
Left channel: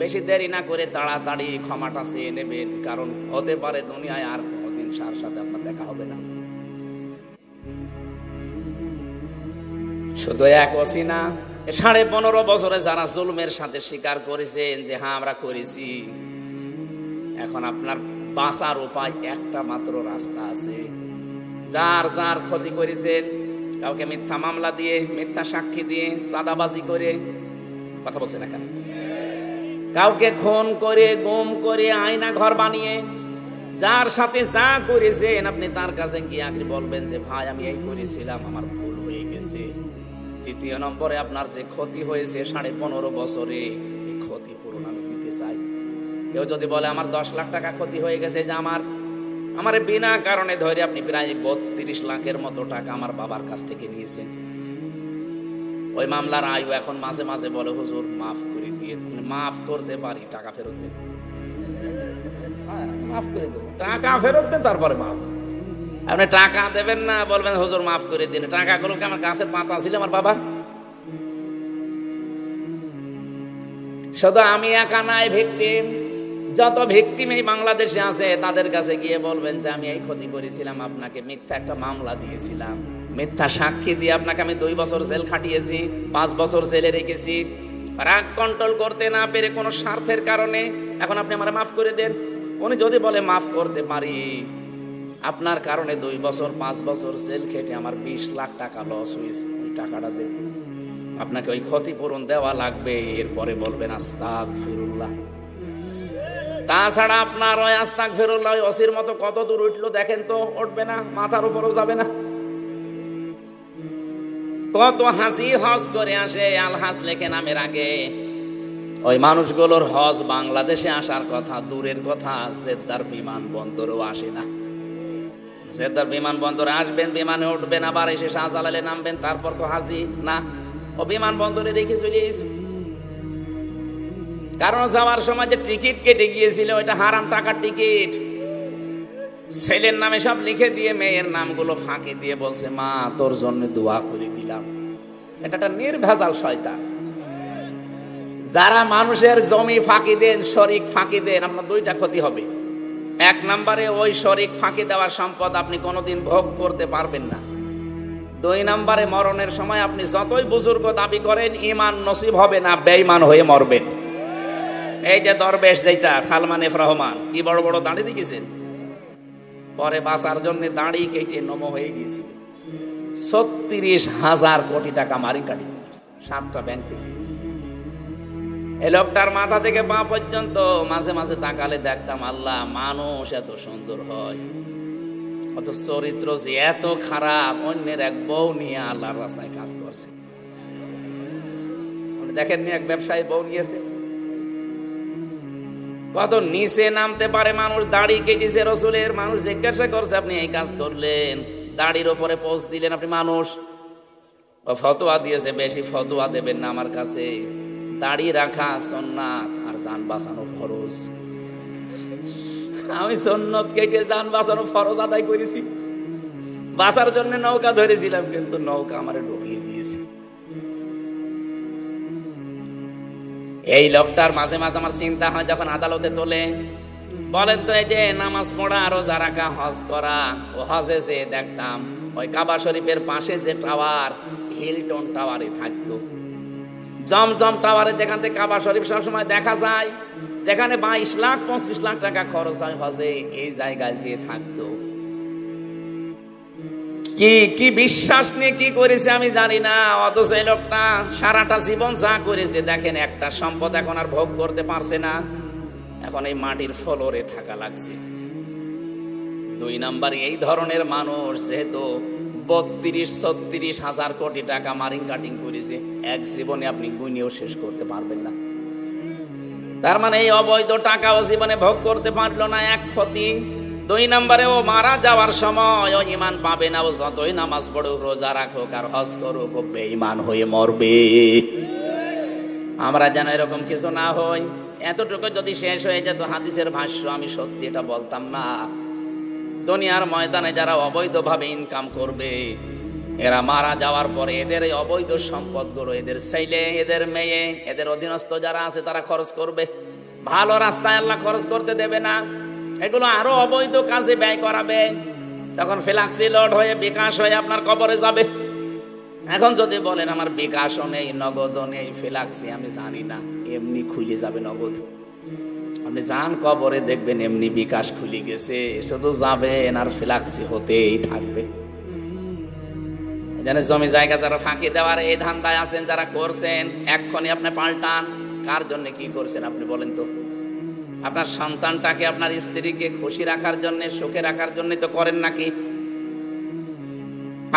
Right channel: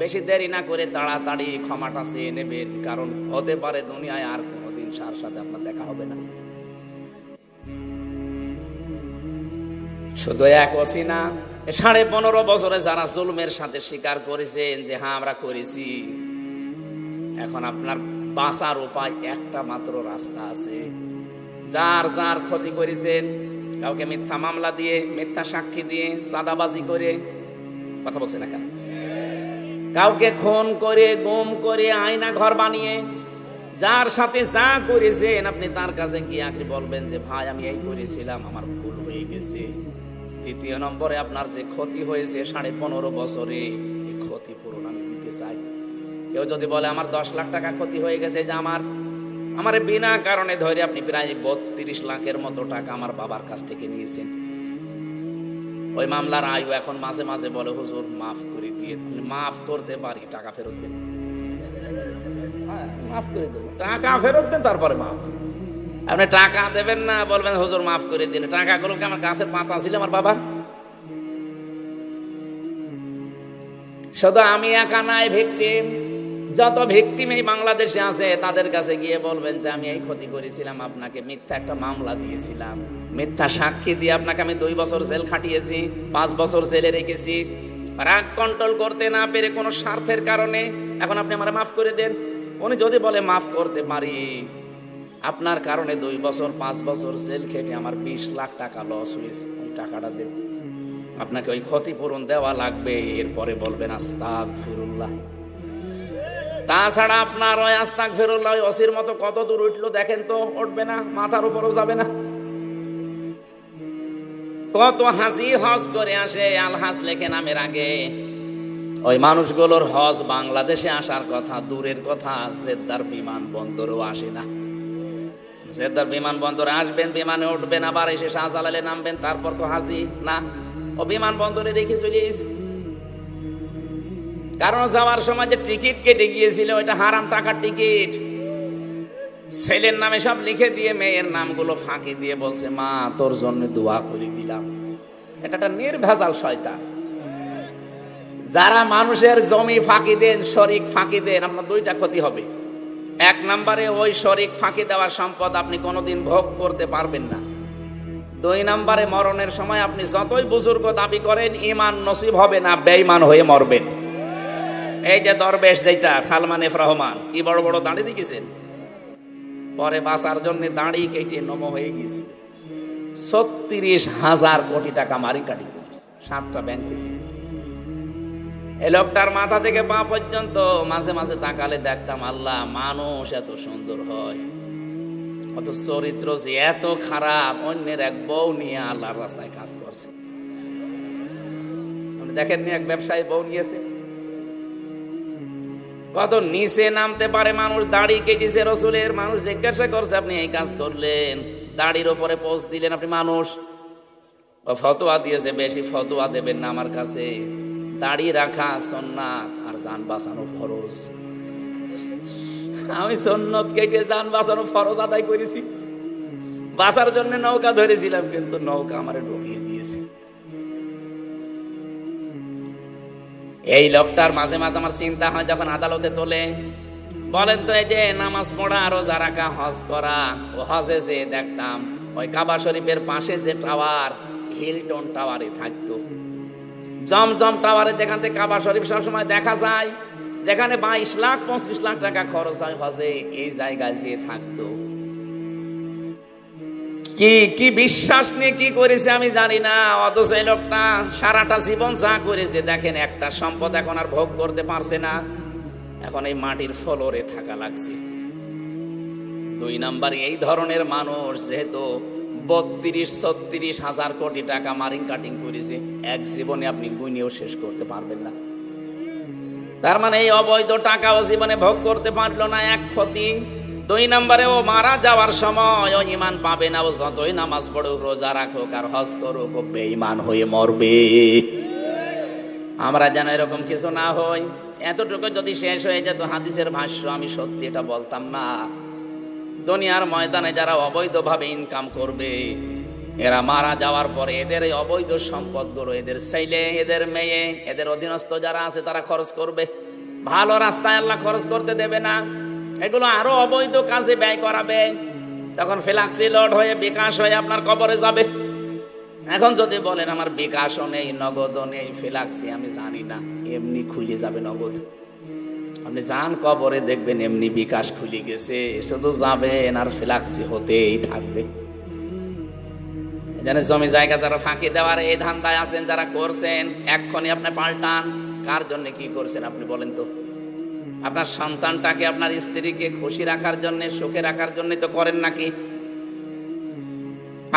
বেশি দেরি না করে তাড়াতাড়ি ক্ষমাটা চেয়ে নেবেন, কারণ হতে পারে দুনিয়ায় আর কোনোদিন তার সাথে আপনার দেখা হবে না। শুধু এক ওসিনা 15.5 বছরে যারা জুলুমের সাথে স্বীকার করেছেন যে হ্যাঁ আমরা করেছি, এখন আপনার বাঁচার উপায় একটা মাত্র রাস্তা আছে। যার যার ক্ষতি করেছেন, কাউকে মিথ্যা মামলা দিয়ে, মিথ্যা সাক্ষী দিয়ে, চাঁদাবাজি করে, কথা বলছে না কেন, কাউকে খুন করে, গুম করে, আয়না ঘর বানিয়ে, যার সাথে যা করেছেন আপনি তার কাছে গিয়ে আগে বলবেন যে ভাই আমি এই করেছিলাম, আমার ভুল হয়ে গেছে। দ্বিতীয় নম্বরে আপনার যে ক্ষতি হয়েছে 15.5 বছরে, এই ক্ষতিপূরণ আমি দিতে চাই। কেউ যদি বলে আমার 10 লাখ টাকা ক্ষতি হয়ে গেছে, যে আমার বিনা কারণে ধরে আপনি প্রায় 32 লাখের মতো টাকা আমার বাবার কাছ থেকে নিয়েছেন, ওই মামলার আয়ু এখন মাঝে মাঝে বলে হুজুর মাফ করে দিয়ে, মাফ করতে পারি, টাকা ফেরত দিন, টাকা ফেরত দেন, তারপরে মাফ। আপনি টাকা দেবেন না, বলবেন হুজুর মাফ করে দিন, টাকাগুলো কি আমার গাছের পাতা ছিল আমার বাবা? শুধু আমি একা নাই ভিকটিম, যত ভিকটিম এই বাংলাদেশে আছে তাদের কাছে গিয়ে বলবেন যে আমি এই ক্ষতি করেছিলাম, আপনাকে মিথ্যা একটা মামলা দিয়েছিলাম, মিথ্যা সাক্ষী দিয়ে আপনাকে আমি 2 বছর জেল খাটিয়েছি, 5 বছর জেলে রেখেছি, রাগ কন্ট্রোল করতে না পেরে কোনো স্বার্থের কারণে, এখন আপনি আমারে মাফ করে দেন। উনি যদি বলে মাফ করতে পারি, আপনার কারণে 2 বছর 5 বছর জেল খেটে আমার 20 লাখ টাকা লস হয়েছে, ওই টাকাটা দেন, আপনাকে ওই ক্ষতিপূরণ দেওয়া লাগবে। এরপরে বলবেন আস্তাগফিরুল্লাহ। তাছাড়া আপনার ওই আস্তাগফিরুল্লাহ ওই ওসির মতো কত দূর উঠলো দেখেন তো, উঠবে না, মাথার উপরেও যাবে না। কত হাসি হজ করে আসে, আলহাজ লেখে নামের আগে, ওই মানুষগুলোর হজ বাংলাদেশে আসার কথা দূরের কথা, জেদ্দার বিমানবন্দরও আসে না। জেদ্দার বিমানবন্দর আসবেন, বিমানে উঠবেন, আবার এসে শাহজালালে নামবেন, তারপর তো হাজি না, ও বিমানবন্দরে রেখে চলে গেছে। কারণ যাওয়ার সময় যে টিকিট কেটে গিয়েছিল ওইটা হারাম টাকার টিকিট, ছেলের নামে সব লিখে দিয়ে মেয়ের নামগুলো ফাঁকি দিয়ে বলছে মা তোর জন্য দোয়া করে দিলাম। এটা একটা নির্ভেজাল শয়তান। যারা মানুষের জমি ফাঁকি দেন, শরিক ফাঁকি দেন, আপনার 2টা ক্ষতি হবে। 1 নম্বরে ওই শরিক ফাঁকি দেওয়ার সম্পদ আপনি কোনোদিন ভোগ করতে পারবেন না। 2 নম্বরে মরণের সময় আপনি যতই বুজুর্গ দাবি করেন, ঈমান নসিব হবে না, বেঈমান হয়ে মরবেন। এই যে দরবেশ যেটা সালমান এফ রহমান, কি বড় বড় দাড়ি দেখেছেন, পরে বাঁচার জন্য দাড়ি কেটে নম হয়ে গেছে, 36,000 কোটি টাকা মারি কাটি 7টা ব্যাংক থেকে। এই লোকটার মাথা থেকে পা পর্যন্ত মাঝে মাঝে তাকালে দেখতাম আল্লাহ মানুষ এত সুন্দর হয়, চরিত্র যে এত খারাপ, অন্যের এক বউ নিয়ে আল্লাহর রাস্তায় কাজ করছে। দেখেননি এক ব্যবসায়ী বউ নিয়েছে, কত নিচে নামতে পারে মানুষ, দাড়ি কেটেছে রসুলের, মানুষ জিজ্ঞাসা করছে আপনি এই কাজ করলেন, দাড়ির ওপরে পোস্ট দিলেন আপনি, মানুষ ফতোয়া দিয়েছে বেশি ফতোয়া দেবেন না আমার কাছে, দাড়ি রাখা সুন্নাত আর জান বাঁচানো ফরজ। আমি সুন্নাত কেটে জান বাঁচানো ফরজ আদায় করেছি, বাঁচার জন্য নৌকা ধরেছিলাম, কিন্তু নৌকা আমার ডুবিয়ে দিয়েছে। এই লোকটার মাঝে মাঝে আমার চিন্তা হয়, যখন আদালতে তোলে বলেন তো এই যে নামাজ পড়া, রোজা রাখা, হজ করা, ও হজে যে দেখতাম ওই কাবা শরীফের পাশে যে টাওয়ার, হিলটন টাওয়ারে থাকতো, জমজম টাওয়ারে, যেখান থেকে কাবা শরীফ সবসময় দেখা যায়, যেখানে 22 লাখ 25 লাখ টাকা খরচ হয় হজে, এই জায়গায় যে থাকতো। কি বিশ্বাস নিয়ে কি করেছে আমি জানি না, অথচ এই লোকটা সারাটা জীবন যা করেছে দেখেন, একটা সম্পদ এখন আর ভোগ করতে পারছে না, এখন এই মাটির ফ্লোরে থাকা লাগছে। 2 নম্বরে এই ধরনের মানুষ যেহেতু 32-36 কোটি টাকা মারিং কাটিং করেছে, এক জীবনে আপনি গুনিয়েও শেষ করতে পারবেন না। তার মানে এই অবৈধ টাকাও জীবনে ভোগ করতে পারলো না, এক ক্ষতি। 2 নম্বরে ও মারা যাওয়ার সময় ও ঈমান পাবে না, ও যতই নামাজ পড়ুক, রোজা রাখুক আর হজ করুক, ও বেঈমান হয়ে মরবে। আমরা যেন এরকম কিছু না হই। এতটুকু যদি শেষ হয়ে যেত হাদিসের ভাষ্য, আমি সত্যি এটা বলতাম না। দুনিয়ার ময়দানে যারা অবৈধভাবে ইনকাম করবে, এরা মারা যাওয়ার পরে এদের এই অবৈধ সম্পদগুলো এদের ছেলে, এদের মেয়ে, এদের অধীনস্থ যারা আছে তারা খরচ করবে। ভালো রাস্তায় আল্লাহ খরচ করতে দেবে না, এগুলো আরো অবৈধ কাজে ব্যয় করাবে। তখন ফ্ল্যাক্সি লোড হয়ে বিকাশ হয়ে আপনার কবরে যাবে। এখন যদি বলেন আমার বিকাশও নেই, নগদও নেই, ফ্ল্যাক্সি আমি জানি না, এমনি খুলে যাবে নগদ। আপনি যান কবরে দেখবেন এমনি বিকাশ খুলে গেছে, শুধু যাবেন আর ফ্ল্যাক্সি হতেই থাকবে। জমি জায়গা যারা ফাঁকি দেওয়ার এই ধান্দায় আছেন, যারা করছেন, এক্ষুনি আপনি পাল্টান। কার জন্য কি করছেন আপনি বলেন তো? আপনার সন্তানটাকে, আপনার স্ত্রীকে খুশি রাখার জন্য, সুখে রাখার জন্য তো করেন নাকি?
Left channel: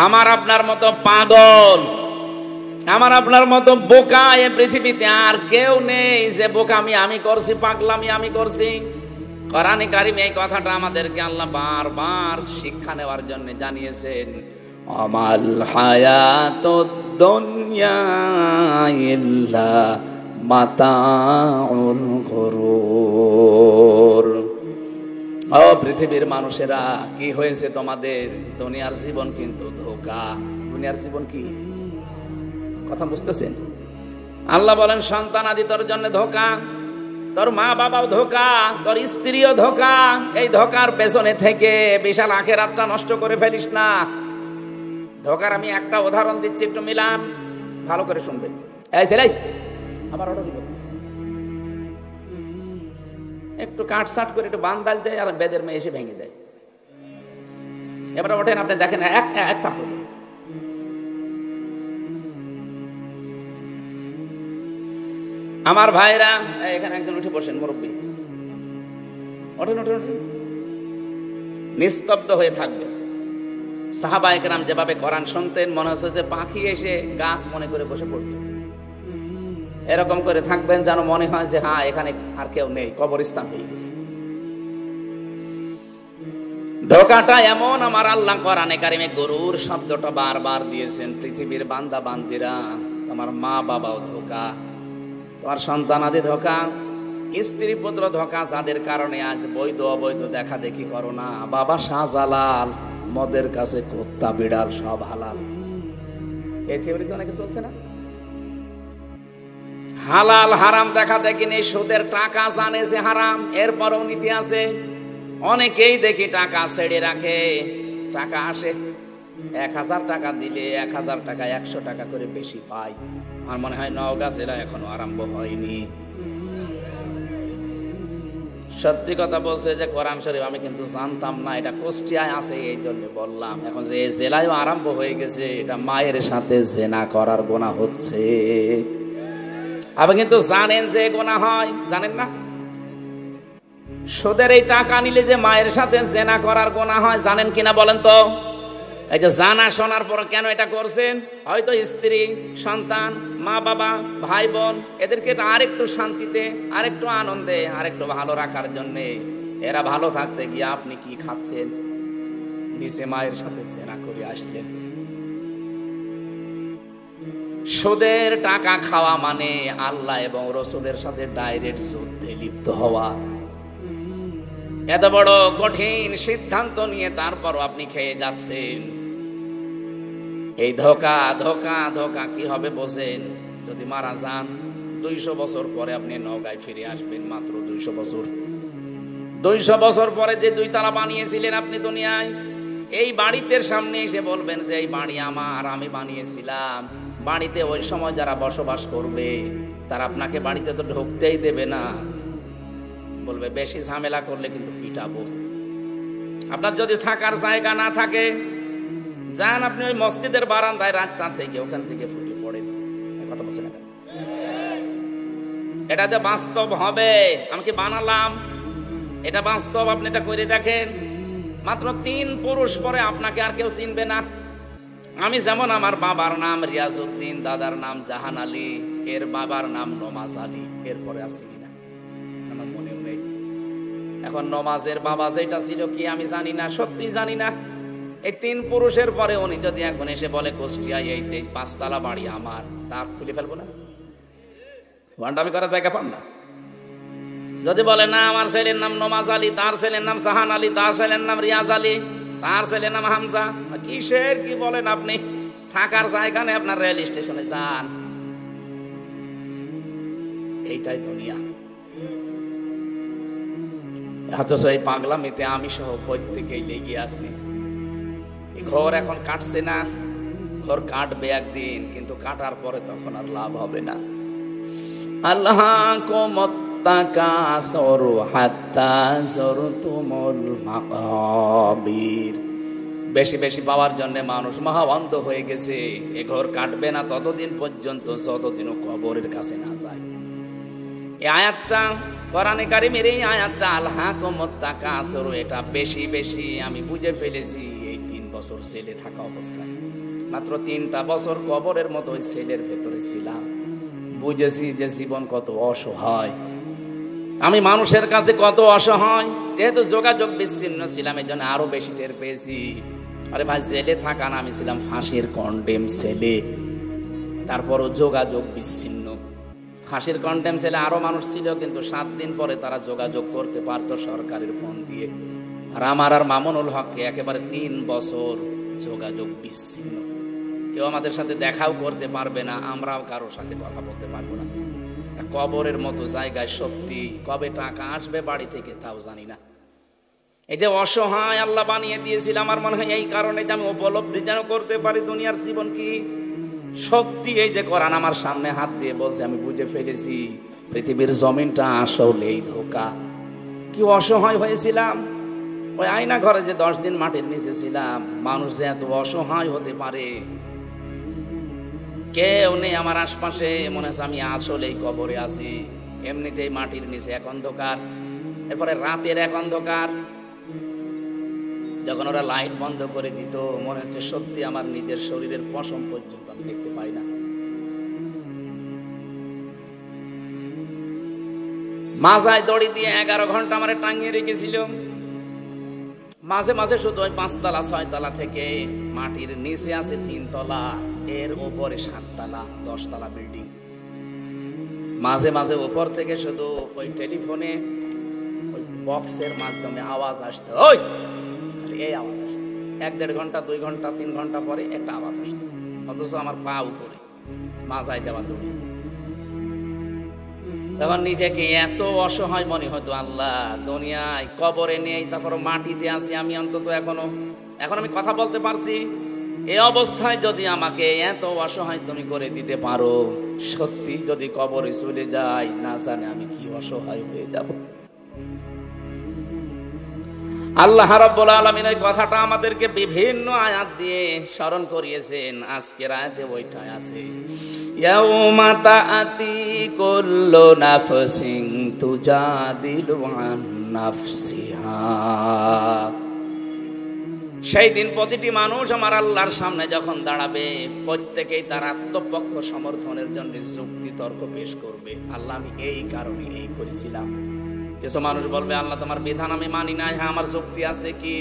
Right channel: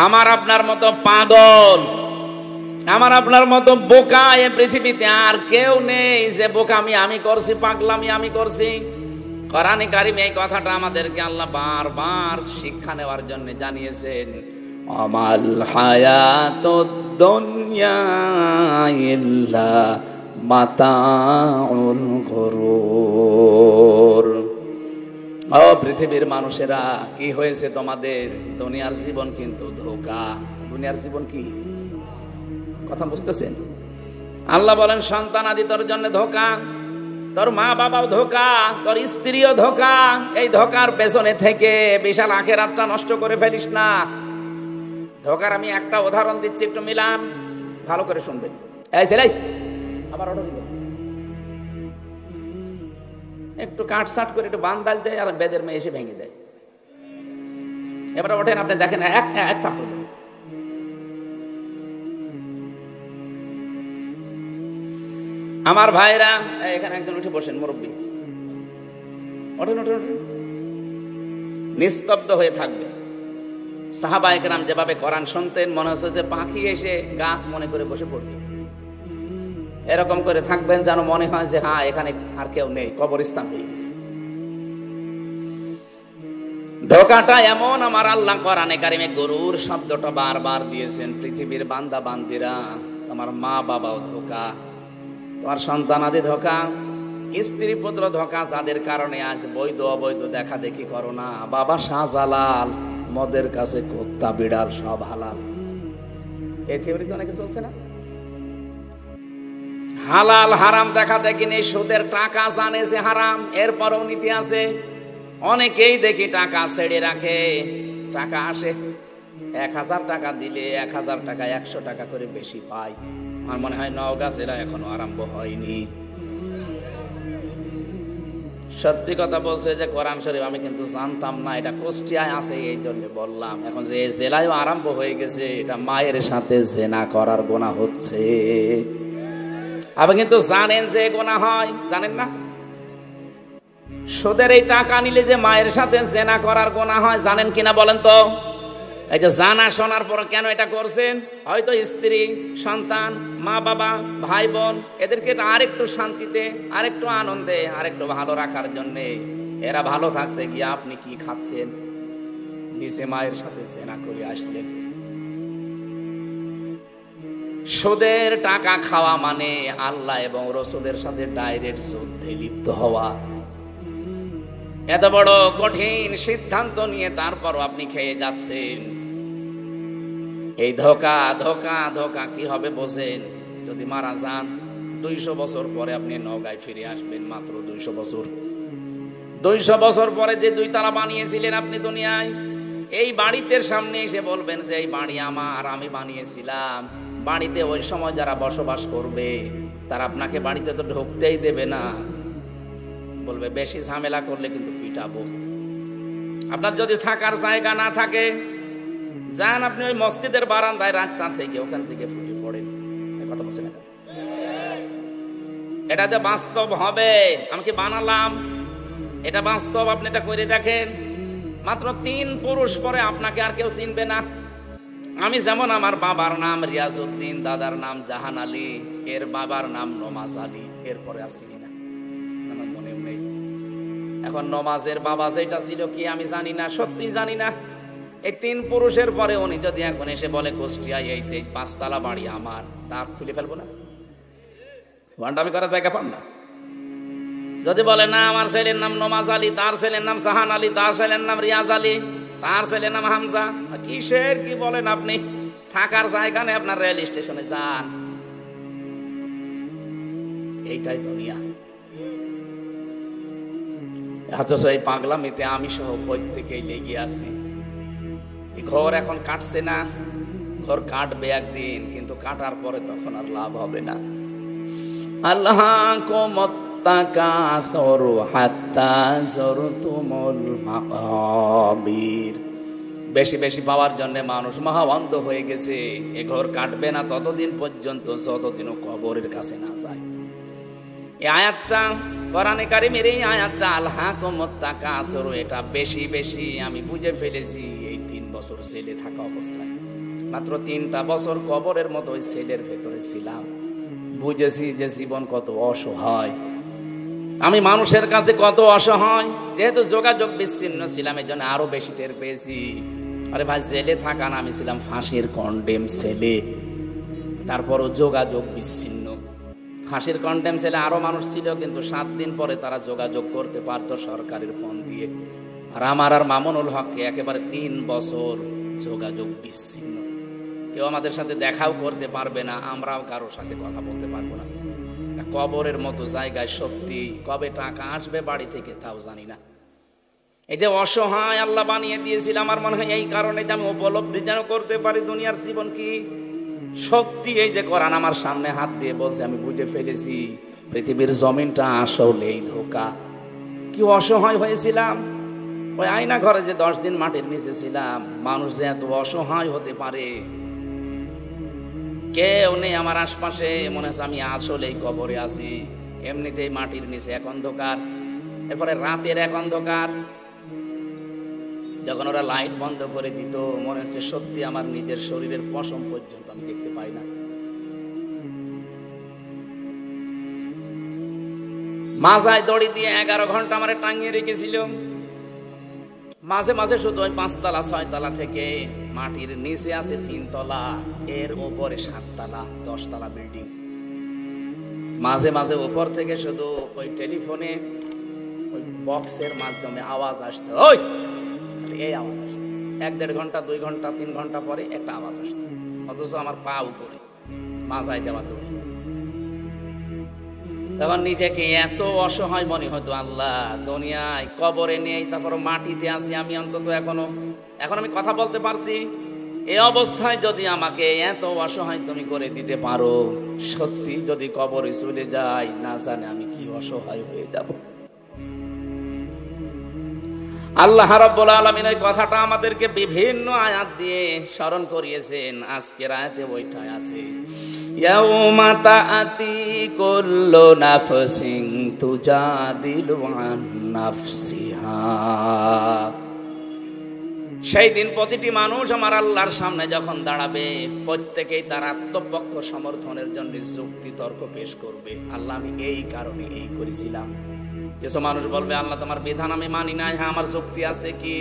আমার আপনার মতো পাগল, আমার আপনার মতো বোকা এ পৃথিবীতে আর কেউ নেই যে বোকামি আমি করছি, পাগলামি আমি করছি। কোরআনে কারিমে এই কথাটা আমাদেরকে আল্লাহ বারবার শিক্ষা নেওয়ার জন্য জানিয়েছেন। আমাল হায়াতুদ দুনিয়া ইল্লা মাতাউল গুরুর। ও পৃথিবীর মানুষেরা, কি হয়েছে তোমাদের? দুনিয়ার জীবন কিন্তু ধোঁকা। দুনিয়ার জীবন কি? কথা বুঝতেছেন? আল্লাহ বলেন সন্তান আদি তোর জন্য ধোঁকা, তোর মা বাবাও ধোঁকা, তোর স্ত্রীও ধোঁকা। এই ধোঁকার পেছনে থেকে বিশাল আখিরাতটা নষ্ট করে ফেলিস না। ধোঁকার আমি একটা উদাহরণ দিচ্ছি, একটু মিলান, ভালো করে শুনবেন। এই ছেলে, আবার অটো দিবেন, একটু কাট সাট করে একটু বান ডালতে, আর বেদের মেয়ে এসে ভেঙে দেয়। এবারে ওঠেন, আপনি দেখেন একটা আমার ভাইরা, এখানে একজন উঠে বসেন, মুরব্বী, ওঠেন ওঠেন ওঠেন, নিস্তব্ধ হয়ে থাকবেন। সাহাবায়ে কেরাম যেভাবে কোরআন শুনতেন, মনে হচ্ছে যে পাখি এসে গাছ মনে করে বসে পড়ত। এরকম করে থাকবেন যেন মনে হয় যে হ্যাঁ, এখানে আর কেউ নেই, কবরস্থান হয়ে গেছে। ধোঁকাটা এমন, আমার আল্লাহ কোরআনে কারিমে গরুর শব্দটা বারবার দিয়েছেন। পৃথিবীর বান্দা বান্দিরা, তোমার মা বাবাও ধোঁকা, তোমার সন্তান আদি ধোঁকা, স্ত্রী পুত্র ধোঁকা, যাদের কারণে আজ বৈধ অবৈধ দেখা দেখি করো না। বাবা শাহজালাল, মদের কাছে কুত্তা বিড়াল সব হালাল। এই থিওরি তো অনেকে চলছে না। হালাল হারাম দেখা দেখি নেই, সুদের টাকা জানে যে হারাম, এরপরও নীতি আছে। অনেকেই দেখি টাকা ছেড়ে রাখে, টাকা আসে 1000 টাকা দিলে 1000 টাকা 100 টাকা করে বেশি পায়। আমার মনে হয় নওগাঁ জেলা এখনো আরম্ভ হয়নি। সত্যি কথা বলছে যে কোরআন শরীফ আমি কিন্তু জানতাম না, এটা কুষ্টিয়ায় আছে, এই জন্য বললাম। এখন যে জেলায়ও আরম্ভ হয়ে গেছে, এটা মায়ের সাথে জেনা করার গুনাহ হচ্ছে। আপনি কিন্তু জানেন যে গুনাহ হয়, জানেন না? সুদের এই টাকা নিলে যে মায়ের সাথে জেনা করার গুনাহ হয়, জানেন কিনা বলেন তো? এই যে জানা শোনার পর কেন এটা করছেন? হয়তো স্ত্রী, সন্তান, মা বাবা, ভাই বোন, এদেরকে আরেকটু শান্তিতে, আরেকটু আনন্দে, আরেকটু ভালো রাখার জন্য। এরা ভালো থাকতে গিয়ে আপনি কি খাচ্ছেন? নিচে মায়ের সাথে জেনা করে আসলেন। সুদের টাকা খাওয়া মানে আল্লাহ এবং রসুলের সাথে ডাইরেক্ট যুদ্ধে লিপ্ত হওয়া। এত বড় কঠিন সিদ্ধান্ত নিয়ে তারপরও আপনি খেয়ে যাচ্ছেন। এই ধোঁকা ধোঁকা ধোঁকা কি হবে বোঝেন? যদি মারা যান 200 বছর পরে আপনি নওগাঁয় ফিরে আসবেন, মাত্র 200 বছর। 200 বছর পরে যে 2 তালা বানিয়েছিলেন আপনি দুনিয়ায়, এই বাড়িতে সামনে এসে বলবেন যে এই বাড়ি আমার, আমি বানিয়েছিলাম। বাড়িতে ওই সময় যারা বসবাস করবে তারা আপনাকে বাড়িতে তো ঢুকতেই দেবে না, বলবে বেশি ঝামেলা করলে কিন্তু পিটাবো। আপনার যদি থাকার জায়গা না থাকে, যান আপনি ওই মসজিদের বারান্দায় রাতটা থেকে, ওখান থেকে ফুটে পড়েন। কথা বলছেন না? এটা যে বাস্তব হবে, আমি কি বানালাম? এটা বাস্তব, আপনি এটা করে দেখেন। মাত্র 3 পুরুষ পরে আপনাকে আর কেউ চিনবে না। আমি যেমন আমার বাবার নাম রিয়াজউদ্দিন, দাদার নাম জাহান আলী, এর বাবার নাম নমাজ আলী, এরপরে আর চিনি না, আমার মনেও নেই। এখন নমাজের বাবা যেটা ছিল কি আমি জানি না, সত্যি জানি না। এই 3 পুরুষের পরে উনি যদি এখন এসে বলে কুষ্টিয়ায় এই 5 তলা বাড়ি আমার, দাঁত খুলে ফেলবো না, আমি করার জায়গা পান না। যদি বলে না আমার ছেলের নাম নমাজ আলী, তার ছেলের নাম জাহান আলী, তার ছেলের নাম রিয়াজ আলী, তার ছেলের নাম হামজা, কিসের কি বলেন আপনি? থাকার জায়গা নেই, আপনার রেল স্টেশনে যান। এইটাই দুনিয়া। অথচ এই পাগলামিতে আমি সহ প্রত্যেকেই লেগে আছি। এই ঘর এখন কাটছে না, ঘর কাটবে একদিন, কিন্তু কাটার পরে তখন আর লাভ হবে না। আল্লাহ বেশি বেশি পাওয়ার জন্য মানুষ মহাবন্ধ হয়ে গেছে। এ ঘর কাটবে না ততদিন পর্যন্ত যতদিন কবরের কাছে না যায়। এই আয়াতটা কোরআনে কারীমের, এই আয়াতটা আল্লাহকুম তাকাসুর, এটা বেশি বেশি আমি বুঝে ফেলেছি এই 3 বছর ছেলে থাকা অবস্থায়। মাত্র 3টা বছর কবরের মতো ওই ছেলের ভেতরে ছিলাম, বুঝেছি যে জীবন কত অসহায়, আমি মানুষের কাছে কত অসহায়। যেহেতু যোগাযোগ বিচ্ছিন্ন ছিলাম, এই জন্য আরো বেশি টের পেয়েছি। আরে ভাই, জেলে থাকা না, আমি ছিলাম ফাঁসির কন্ডেম ছেলে, তারপরে যোগাযোগ বিচ্ছিন্ন। ফাঁসির কন্ডেম ছেলে আরো মানুষ ছিল, কিন্তু 7 দিন পরে তারা যোগাযোগ করতে পারতো সরকারের ফোন দিয়ে। আর আমার আর মামুনুল হককে একেবারে 3 বছর যোগাযোগ বিচ্ছিন্ন। কেউ আমাদের সাথে দেখাও করতে পারবে না, আমরাও কারোর সাথে কথা বলতে পারবো না। কবরের মতো জায়গায় সত্যি কবে টাকা আসবে বাড়ি থেকে তাও জানি না। এই যে অসহায় আল্লাহ বানিয়ে দিয়েছিল, আমার মনে হয় এই কারণে যে আমি উপলব্ধি যেন করতে পারি দুনিয়ার জীবন কি সত্যি। এই যে কোরআন আমার সামনে হাত দিয়ে বলছে, আমি বুঝে ফেলেছি পৃথিবীর জমিনটা আসলেই ধোঁকা। কি অসহায় হয়েছিলাম ওই আয়না ঘরে, যে 10 দিন মাটির নিচে ছিলাম। মানুষ যে এত অসহায় হতে পারে, কেউ নেই আমার আশপাশে, মনে হচ্ছে আমি আসলেই কবরে আছি। এমনিতেই মাটির নিচে এক অন্ধকার, এরপরে রাতের এক অন্ধকার। যখন ওরা লাইট বন্ধ করে দিত, মনে হচ্ছে সত্যি আমার নিজের শরীরের পশম পর্যন্ত আমি দেখতে পাই না। মাথায় দড়ি দিয়ে 11 ঘন্টা আমার টাঙিয়ে রেখেছিল। মাঝে মাঝে শুধু ওই 5 তলা 6 তলা থেকে মাটির নিচে আছে 3 তলা, এর উপরে 7 তলা 10 তলা বিল্ডিং। মাঝে মাঝে উপর থেকে শুধু ওই টেলিফোনে ওই বক্সের মাধ্যমে আওয়াজ আসতো, ওই এই 1-1.5 ঘন্টা 2 ঘন্টা 3 ঘন্টা পরে একটা আওয়াজ আসতো। অথচ আমার পা উপরে, মাথায় দেওয়া। আমার নিজেকে এত অসহায় মনে হতো, আল্লাহ দুনিয়ায় কবরে নেই, তারপর মাটিতে আছি আমি, অন্তত এখন আমি কথা বলতে পারছি। এই অবস্থায় যদি আমাকে এত অসহায় তুমি করে দিতে পারো, সত্যি যদি কবরে চলে যাই, না জানি আমি কি অসহায় হয়ে যাব। আল্লাহ রাব্বুল আলামিন এই কথাটা আমাদেরকে বিভিন্ন আয়াত দিয়ে স্মরণ করিয়েছেন। আজকের আয়াতে ওইটা আছে, ইয়াউমা তাআতি কুল্লু নাফসিন তুজাদিলু আন নাফসিহা। সেই দিন প্রতিটি মানুষ আমার আল্লাহর সামনে যখন দাঁড়াবে, প্রত্যেকেই তার আত্মপক্ষ সমর্থনের জন্য যুক্তি তর্ক পেশ করবে। আল্লাহ আমি এই কারণে এই করেছিলাম। কিছু মানুষ বলবে, আল্লাহ তোমার বিধান আমি মানি নাই। হ্যাঁ, আমার শক্তি আছে কি?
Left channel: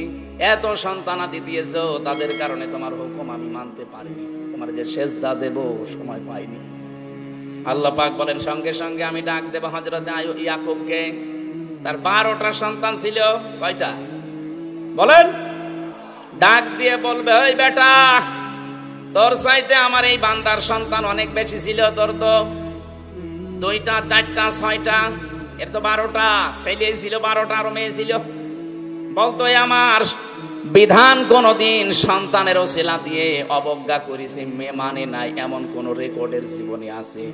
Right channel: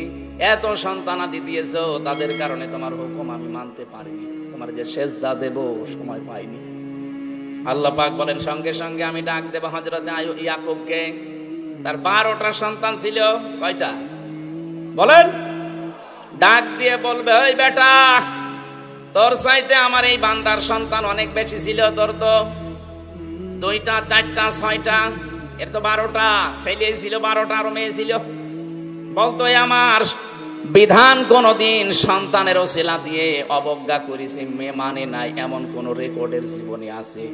এত সন্তানাদি দিয়েছো, তাদের কারণে তোমার হুকুম আমি মানতে পারিনি, তোমার যে সেজদা দেব সময় পাইনি। আল্লাহ পাক বলেন, সঙ্গে সঙ্গে আমি ডাক দেব হযরত ইয়াকুবকে। তার 12টা সন্তান ছিল। কয়টা বলেন? ডাক দিয়ে বলবে, ওই বেটা, তোর চাইতে আমার এই বান্দার সন্তান অনেক বেশি ছিল। তোর তো 2টা 4টা 6টা, এর তো 12টা ছেলে ছিল, 12টা আরো মেয়ে ছিল। বলতো আমার বিধান কোনদিন সন্তানের ওসিলা দিয়ে অবজ্ঞা করেছে, মেয়ে মানে নাই, এমন কোন রেকর্ডের জীবনে আছে?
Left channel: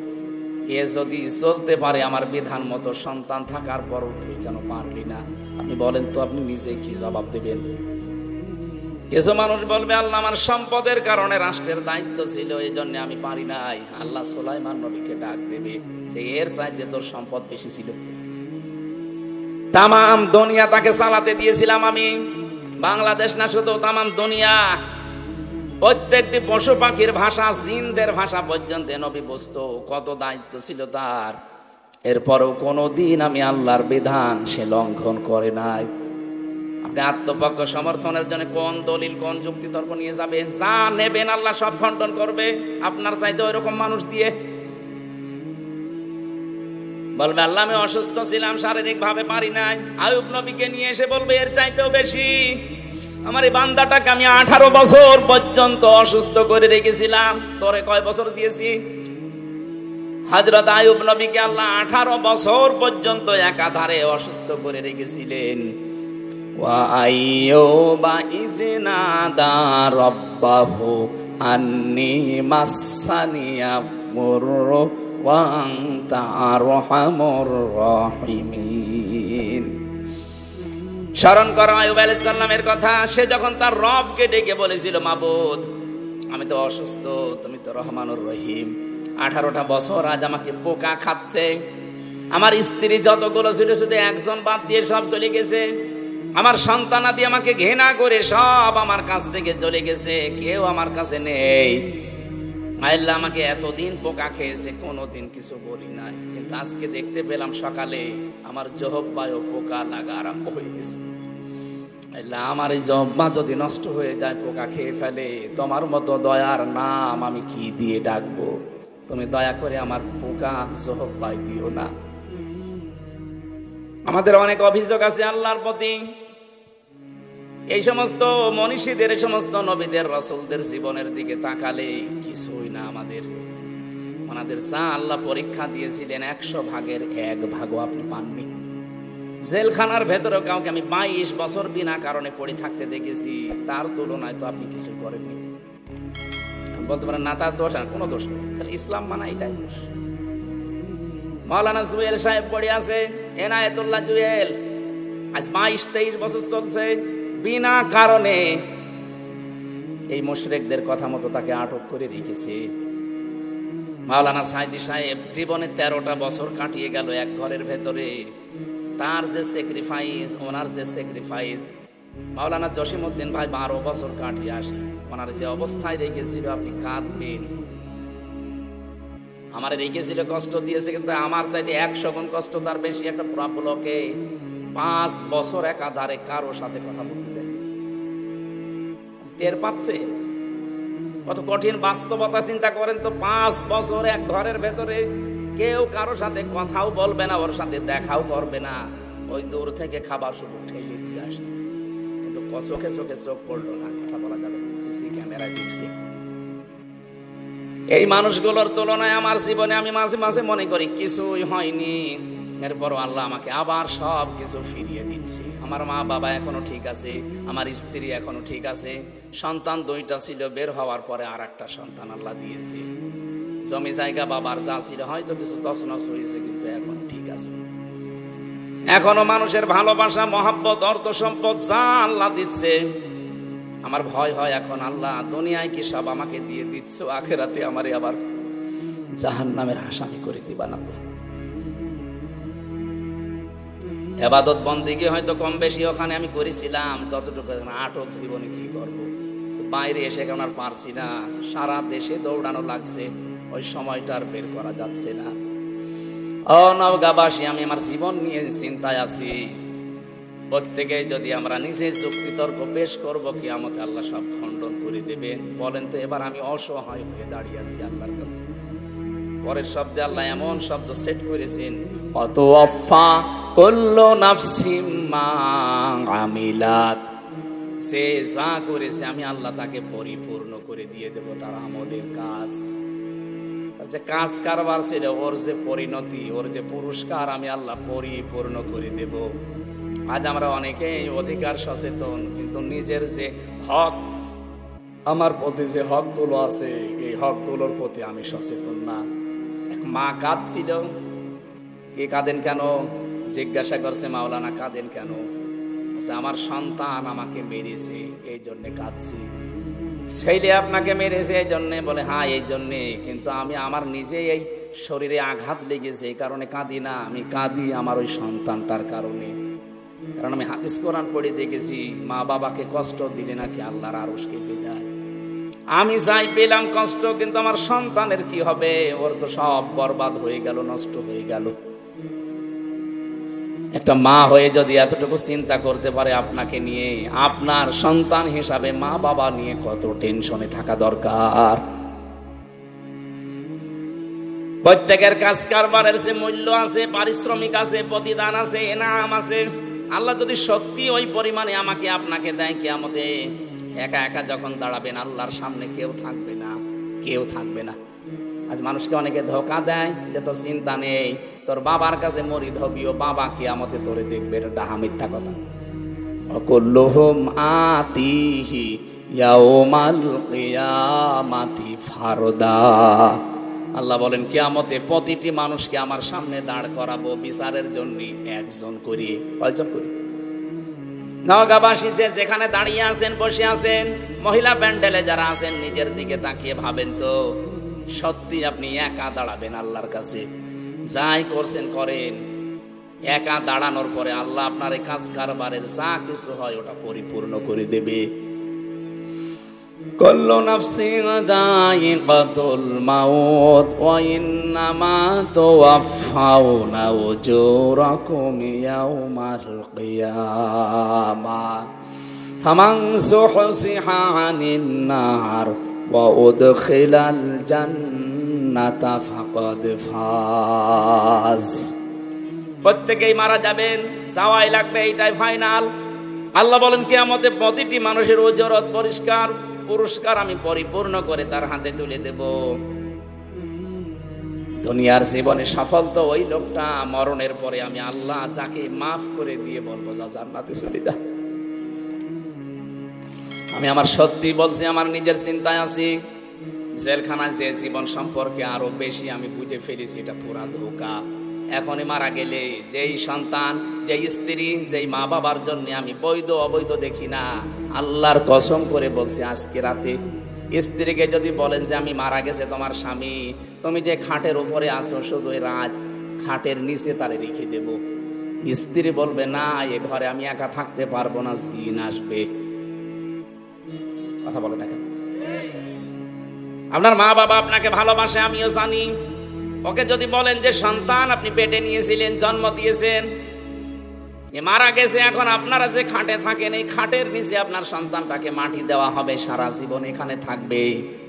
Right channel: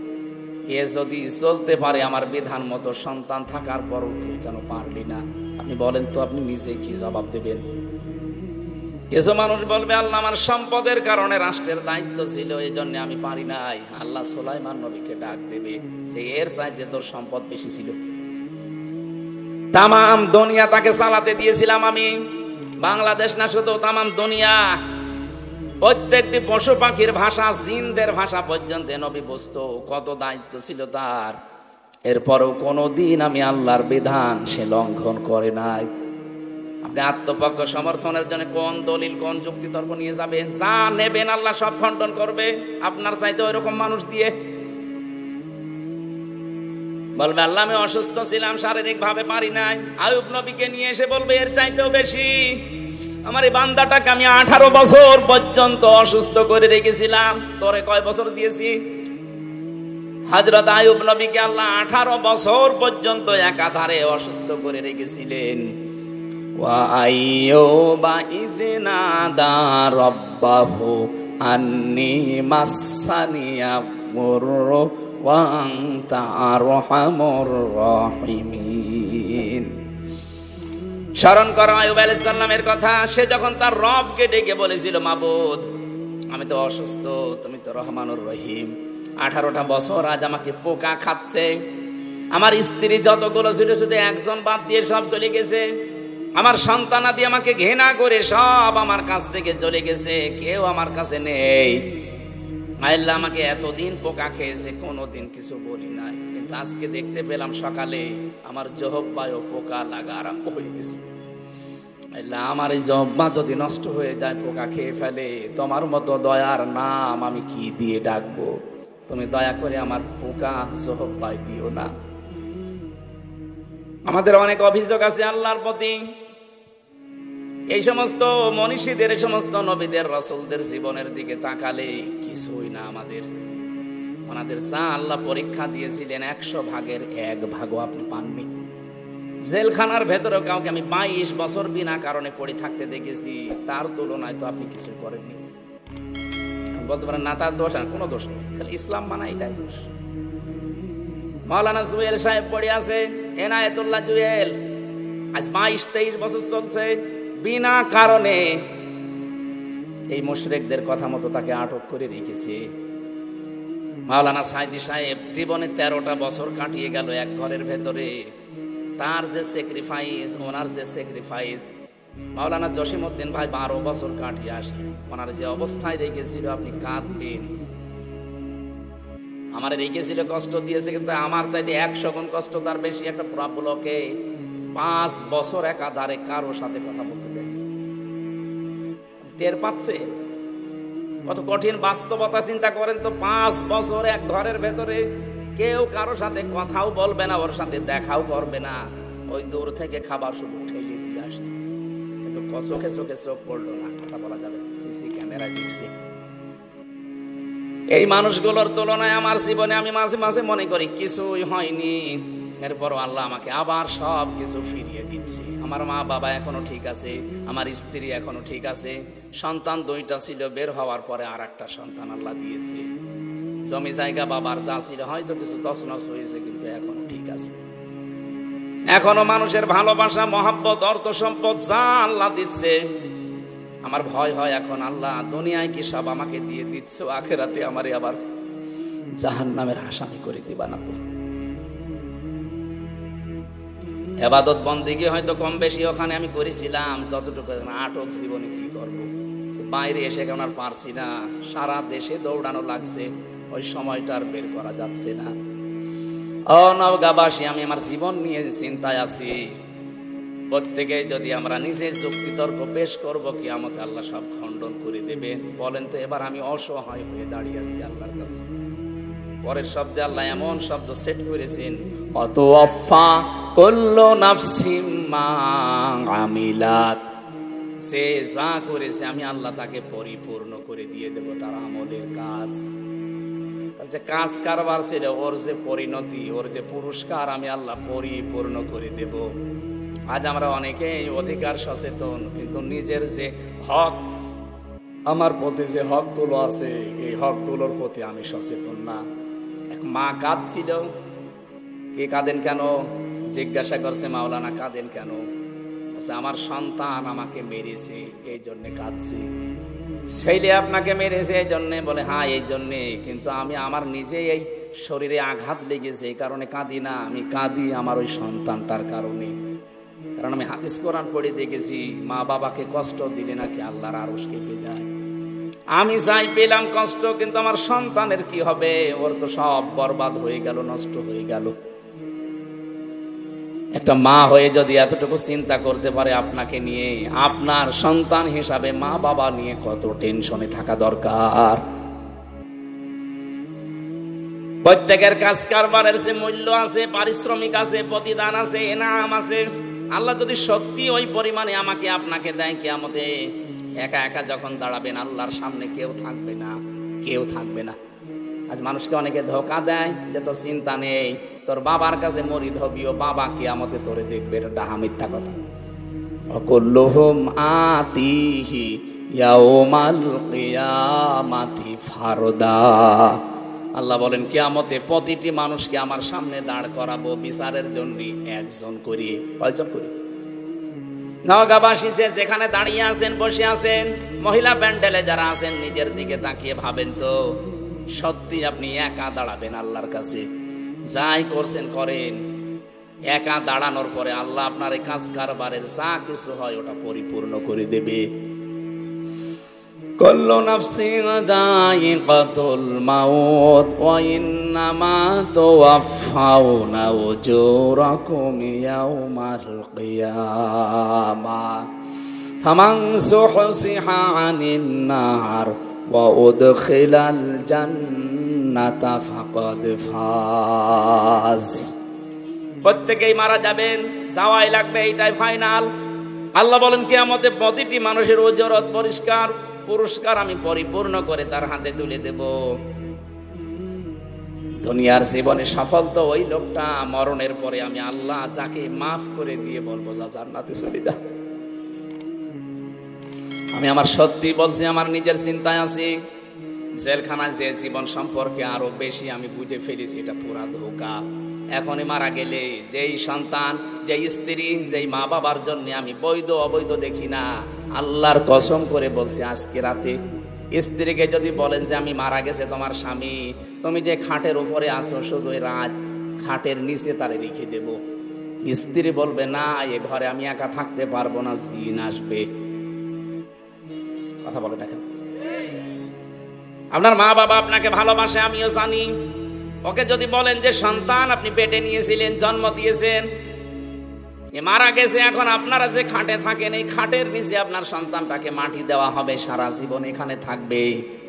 এ যদি চলতে পারে আমার বিধান মতো, সন্তান থাকার পরও তুই কেন পারলি না? বলেন তো আপনি নিজে কি জবাব দেবেন? কিছু মানুষ বলবে, আল্লাহ আমার সম্পদের কারণে রাষ্ট্রের দায়িত্ব ছিল, এই জন্য আমি পারি নাই। আল্লাহ সুলাইমান নবীকে ডাক দেবে, যে এর চাইতে তোর সম্পদ বেশি ছিল। তামাম দুনিয়া তাকে চালাতে দিয়েছিলাম আমি, বাংলাদেশ না শুধু, তামাম দুনিয়া। প্রত্যেকটি পশু পাখির ভাষা, জিনদের ভাষা পর্যন্ত নবী বুঝতো। কত দায়িত্ব ছিল তার, এরপরেও কোনদিন আমি আল্লাহর বিধান সে লঙ্ঘন করে নাই। আপনি আত্মপক্ষ সমর্থনের জন্য কোন দলিল, কোন যুক্তি তর্ক নিয়ে যাবেন? যা নেবেন আল্লাহ সব খণ্ডন করবে, আপনার চাইতে ওইরকম মানুষ দিয়ে। বলবে আল্লাহ আমি অসুস্থ ছিলাম, শারীরিক ভাবে পারি নাই। আইয়ুব নবীকে নিয়ে এসে বলবে এর চাইতেও বেশি, আমার এই বান্দাটাকে আমি 18 বছর পর্যন্ত অসুস্থ করে রেখেছিলাম, তোরে কয় বছর দিয়েছি? হযরত আইয়ুব নবীকে আল্লাহ 18 বছর পর্যন্ত একাধারে অসুস্থ করে রেখেছিলেন। ওয়া আইয়ুবা ইয নাদা রাব্বাহু আন্নী মাসানিয়া কুররু ওয়া আনতা আরহামুর রাহিমিন। স্মরণ করো আইয়ুব আলাইহিস সালামের কথা। সে যখন তার রবকে ডেকে বলেছিল, মাবুদ আমি তো অসুস্থ, তুমি তো রহমানুর রহিম, 18টা বছর আজ আমাকে পোকা খাচ্ছে, আমার স্ত্রী যতগুলো ছিল শুধু একজন বাদ দিয়ে সব চলে গেছে, আমার সন্তানাদি আমাকে ঘৃণা করে সব আমার কাছ থেকে চলে গেছে, কেউ আমার কাছে নেই। আল্লাহ আমাকে এতদিন পোকা খেয়েছে, কোনোদিন কিছু বলি নাই, কিন্তু আজকে দেখতে পেলাম সকালে আমার জহব্বায় পোকা লাগা আরম্ভ হয়ে গেছে। আমার এই জহব্বা যদি নষ্ট হয়ে যায়, পোকা খেয়ে ফেলে, তোমার মতো দয়ার নাম আমি কি দিয়ে ডাকবো? তুমি দয়া করে আমার পোকা জহব্বায় দিও না। আমাদের অনেক অভিযোগ আছে আল্লাহর প্রতি। এই সমস্ত মনীষীদের, এই সমস্ত নবীদের, রাসূলদের জীবনের দিকে তাকালে কিছুই না আমাদের। ওনাদের যা আল্লাহ পরীক্ষা দিয়েছিলেন 100 ভাগের 1 ভাগও আপনি পাননি। জেলখানার ভেতরে কাউকে আমি 22 বছর বিনা কারণে পড়ে থাকতে দেখেছি, তার তুলনায় তো আপনি কিছুই করেননি। বলতে পারেন না তার দোষ, না কোনো দোষ নেই, খালি ইসলাম মানা এটাই দোষ। মাওলানা জুয়েল সাহেব পড়ে আছে, এনায়েতুল্লাহ জুয়েল, আজ 22-23 বছর চলছে বিনা কারণে। এই মুশরিকদের কথা মতো তাকে আটক করে রেখেছে। মাওলানা সাইদি সাহেব জীবনে 13টা বছর কাটিয়ে গেল এক ঘরের ভেতরে। তার যে স্যাক্রিফাইস, ওনার যে স্যাক্রিফাইস, মাওলানা জসিমউদ্দিন ভাই 12 বছর কাটিয়ে আসে, ওনার যে অবস্থায় রেখেছিল আপনি কাঁদবেন। আমার রেখেছিল, কষ্ট দিয়েছে, কিন্তু আমার চাইতে 100 গুণ কষ্ট তার বেশি। একটা প্রবলেমকে 5 বছর একাধারে কারো সাথে কথা বলতে দেয়, টের পাচ্ছে কত কঠিন বাস্তবতা। চিন্তা করেন তো, 5 বছর এক ঘরের ভেতরে কেউ কারো সাথে কথাও বলবে না, ওর সাথে দেখাও করবে না, ওই দূর থেকে খাবার শুধু ঠেলে দিয়ে আসতো, কিন্তু চোখে চোখে চোখ পড়লো না, কথা বলা যাবে, সিসি ক্যামেরা দিচ্ছে। এই মানুষগুলোর তুলনায় আমার জীবনে আমি মাঝে মাঝে মনে করি কিছুই হয়নি, এরপরও আল্লাহ আমাকে আবার সব কিছু ফিরিয়ে দিচ্ছে। আমার মা বাবা এখনো ঠিক আছে, আমার স্ত্রী এখনো ঠিক আছে, সন্তান 2টা ছিল, বের হওয়ার পরে আর একটা সন্তান আল্লাহ দিয়েছে। জমি জায়গা বাবার যা ছিল হয়তো কিছু তছনছ হয়েছে, কিন্তু এখনো ঠিক আছে। এখনো মানুষের ভালোবাসা, মহব্বত, অর্থ সম্পদ যা আল্লাহ দিচ্ছে, আমার ভয় হয় এখন, আল্লাহ দুনিয়ায় কি সব আমাকে দিয়ে দিচ্ছ, আখেরাতে আমারে আবার জাহান্নামের আসামি করে দিবা না। ইবাদত বন্দেগী হয়তো কম বেশি ওখানে আমি করেছিলাম যতটুকু, আটক জীবনে কি করব, বাইরে এসে কেন আর পারছি না, সারা দেশে দৌড়ানো লাগছে, ওই সময়টা আর বের করা যাচ্ছে না। নওগাঁবাসী, আমি আমার জীবন নিয়ে চিন্তায় আছি। প্রত্যেকে যদি আমরা নিজে যুক্তি তর্ক পেশ করবো, কিয়ামতে আল্লাহ সব খণ্ডন করে দেবেন। বলেন তো, এবার আমি অসহায় হয়ে দাঁড়িয়ে আছি আল্লাহর কাছে। পরের শব্দে আল্লাহ এমন শব্দ সেট করেছেন, অতওয়াফা কুল্লু নাফসিম মা আমিলাত, সে যা করেছে আমি আল্লাহ তাকে পরিপূর্ণ করে দিয়ে দেব, তার আমলের কাজ, তার যে কাজ কারবার ছিল, ওর যে পরিণতি, ওর যে পুরস্কার আমি আল্লাহ পরিপূর্ণ করে দেব। আজ আমরা অনেকেই অধিকার সচেতন, কিন্তু নিজের যে হক, আমার প্রতি যে হকগুলো আছে, এই হকগুলোর প্রতি আমি সচেতন না। এক মা কাঁদছিল, কে কাঁদেন কেন জিজ্ঞাসা করছে মাওলানা, কাঁদেন কেন? আমার সন্তান আমাকে মেরেছে, এই জন্য কাঁদছি। ছেলে আপনাকে মেরেছে এই জন্যে? বলে হ্যাঁ এই জন্যে, কিন্তু আমি আমার নিজে এই শরীরে আঘাত লেগেছে, এই কারণে কাঁদি না, আমি কাঁদি আমার ওই সন্তানটার কারণে। কারণ আমি হাদিস কোরআন পড়ে দেখেছি, মা বাবাকে কষ্ট দিলে নাকি আল্লাহর আরশ কেঁপে যায়। আমি যাই পেলাম কষ্ট, কিন্তু আমার সন্তানের কি হবে? ওর তো সব বরবাদ হয়ে গেল, নষ্ট হয়ে গেল। একটা মা হয়ে যদি এতটুকু চিন্তা করতে পারে আপনাকে নিয়ে, আপনার সন্তান হিসাবে মা বাবা নিয়ে কত টেনশনে থাকা দরকার। প্রত্যেকের কাজ কারবারের যে মূল্য আছে, পারিশ্রমিক আছে, প্রতিদান আছে, এনাম আছে। আল্লাহ যদি সত্যি ওই পরিমাণে আমাকে আপনাকে দেয়, কিয়ামতে একা একা যখন দাঁড়াবেন আল্লাহর সামনে, কেউ থাকবে না, কেউ থাকবে না। আজ মানুষকে অনেকে ধোঁকা দেয়, এত চিন্তা নেই, তোর বাবার কাছে মরে ধরবি, বাবা কিয়ামতে ধরে দেখবে, এটা মিথ্যা কথা। অকুল্লুহুম আতিহি ইয়াউমাল কিয়ামাতি ফারদা। আল্লাহ বলেন কিয়ামতে প্রতিটি মানুষকে আমার সামনে দাঁড় করাবো বিচারের জন্য, একজন করে। কয়জন করে? নওগাঁবাসী যে যেখানে দাঁড়িয়ে আছেন, বসে আছেন, মহিলা প্যান্ডেলে যারা আছেন, নিজের দিকে তাকিয়ে ভাবেন তো, সত্যি আপনি একা দাঁড়াবেন আল্লাহর কাছে? যাই করছেন করেন, একা দাঁড়ানোর পরে আল্লাহ আপনার এই কাজ কারবারের যা কিছু হয় ওটা পরিপূর্ণ করে দেবে। কুল্লু নাফসিন যায়িকাতুল মাউত ওয়া ইন্নামা তুওয়াফাউনা উজুরাকুম ইয়াওমাল কিয়ামাহ ফামান যুহজিহা আনিন নার ওয়া উদখিলাল জান্নাতা ফাকাদ ফাজ। প্রত্যেকেই মারা যাবেন, যাওয়াই লাগবে, এইটাই ফাইনাল। আল্লাহ বলেন কিয়ামতে প্রতিটি মানুষের ওজরত পরিষ্কার, পুরস্কার আমি পরিপূর্ণ করে তার হাতে তুলে দেব। দুনিয়ার জীবনে সফল তো ওই লোকটা, মরণের পরে আমি আল্লাহ যাকে মাফ করে দিয়ে বলবো যা জান্নাতে চলে যা। আমি আমার সত্যি বলছি, আমার নিজের চিন্তায় আছি। জেলখানায় যে জীবন সম্পর্কে আরো বেশি আমি বুঝে ফেলেছি, এটা পুরা ধোঁকা। এখনই মারা গেলে যেই সন্তান, যেই স্ত্রী, যেই মা বাবার জন্য আমি বৈধ অবৈধ দেখি না, আল্লাহর কসম করে বলছি, আজকে রাতে স্ত্রীকে যদি বলেন যে আমি মারা গেছে তোমার স্বামী, তুমি যে খাটের উপরে আসো শুধু রাত, খাটের নিচে তারে রেখে দেব। স্ত্রী বলবে না, এ ঘরে আমি একা থাকতে পারবো না, জিন আসবে। কথা বলে দেখেন, আপনার মা বাবা আপনাকে ভালোবাসে, আমিও জানি। ওকে যদি বলেন যে সন্তান আপনি পেটে নিয়েছিলেন, জন্ম দিয়েছেন, এ মারা গেছে, এখন আপনারা যে খাটে থাকেন এই খাটের নিচে আপনার সন্তানটাকে মাটি দেওয়া হবে, সারা জীবন এখানে থাকবে।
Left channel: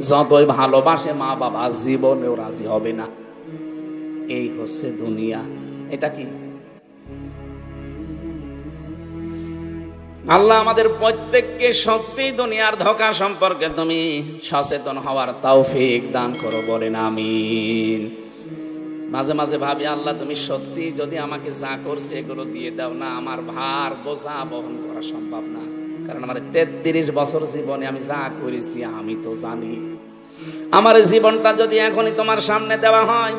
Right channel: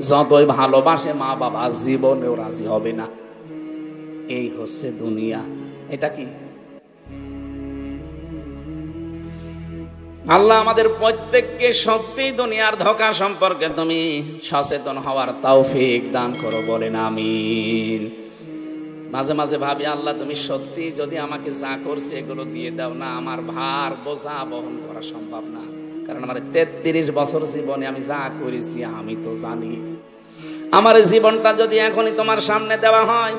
যতই ভালোবাসে মা বাবা, জীবনেও রাজি হবে না। এই হচ্ছে দুনিয়া। এটা কি? আল্লাহ আমাদের প্রত্যেককে সত্যি দুনিয়ার ধোঁকা সম্পর্কে তুমি সচেতন হওয়ার তৌফিক দান করো, বলেন আমিন। মাঝে মাঝে ভাবি, আল্লাহ তুমি সত্যি যদি আমাকে যা করছে এগুলো দিয়ে দাও না, আমার ভার বোঝা বহন করা সম্ভব না। কারণ আমার 33 বছর জীবনে আমি যা করেছি আমি তো জানি। আমার জীবনটা যদি এখনই তোমার সামনে দেওয়া হয়,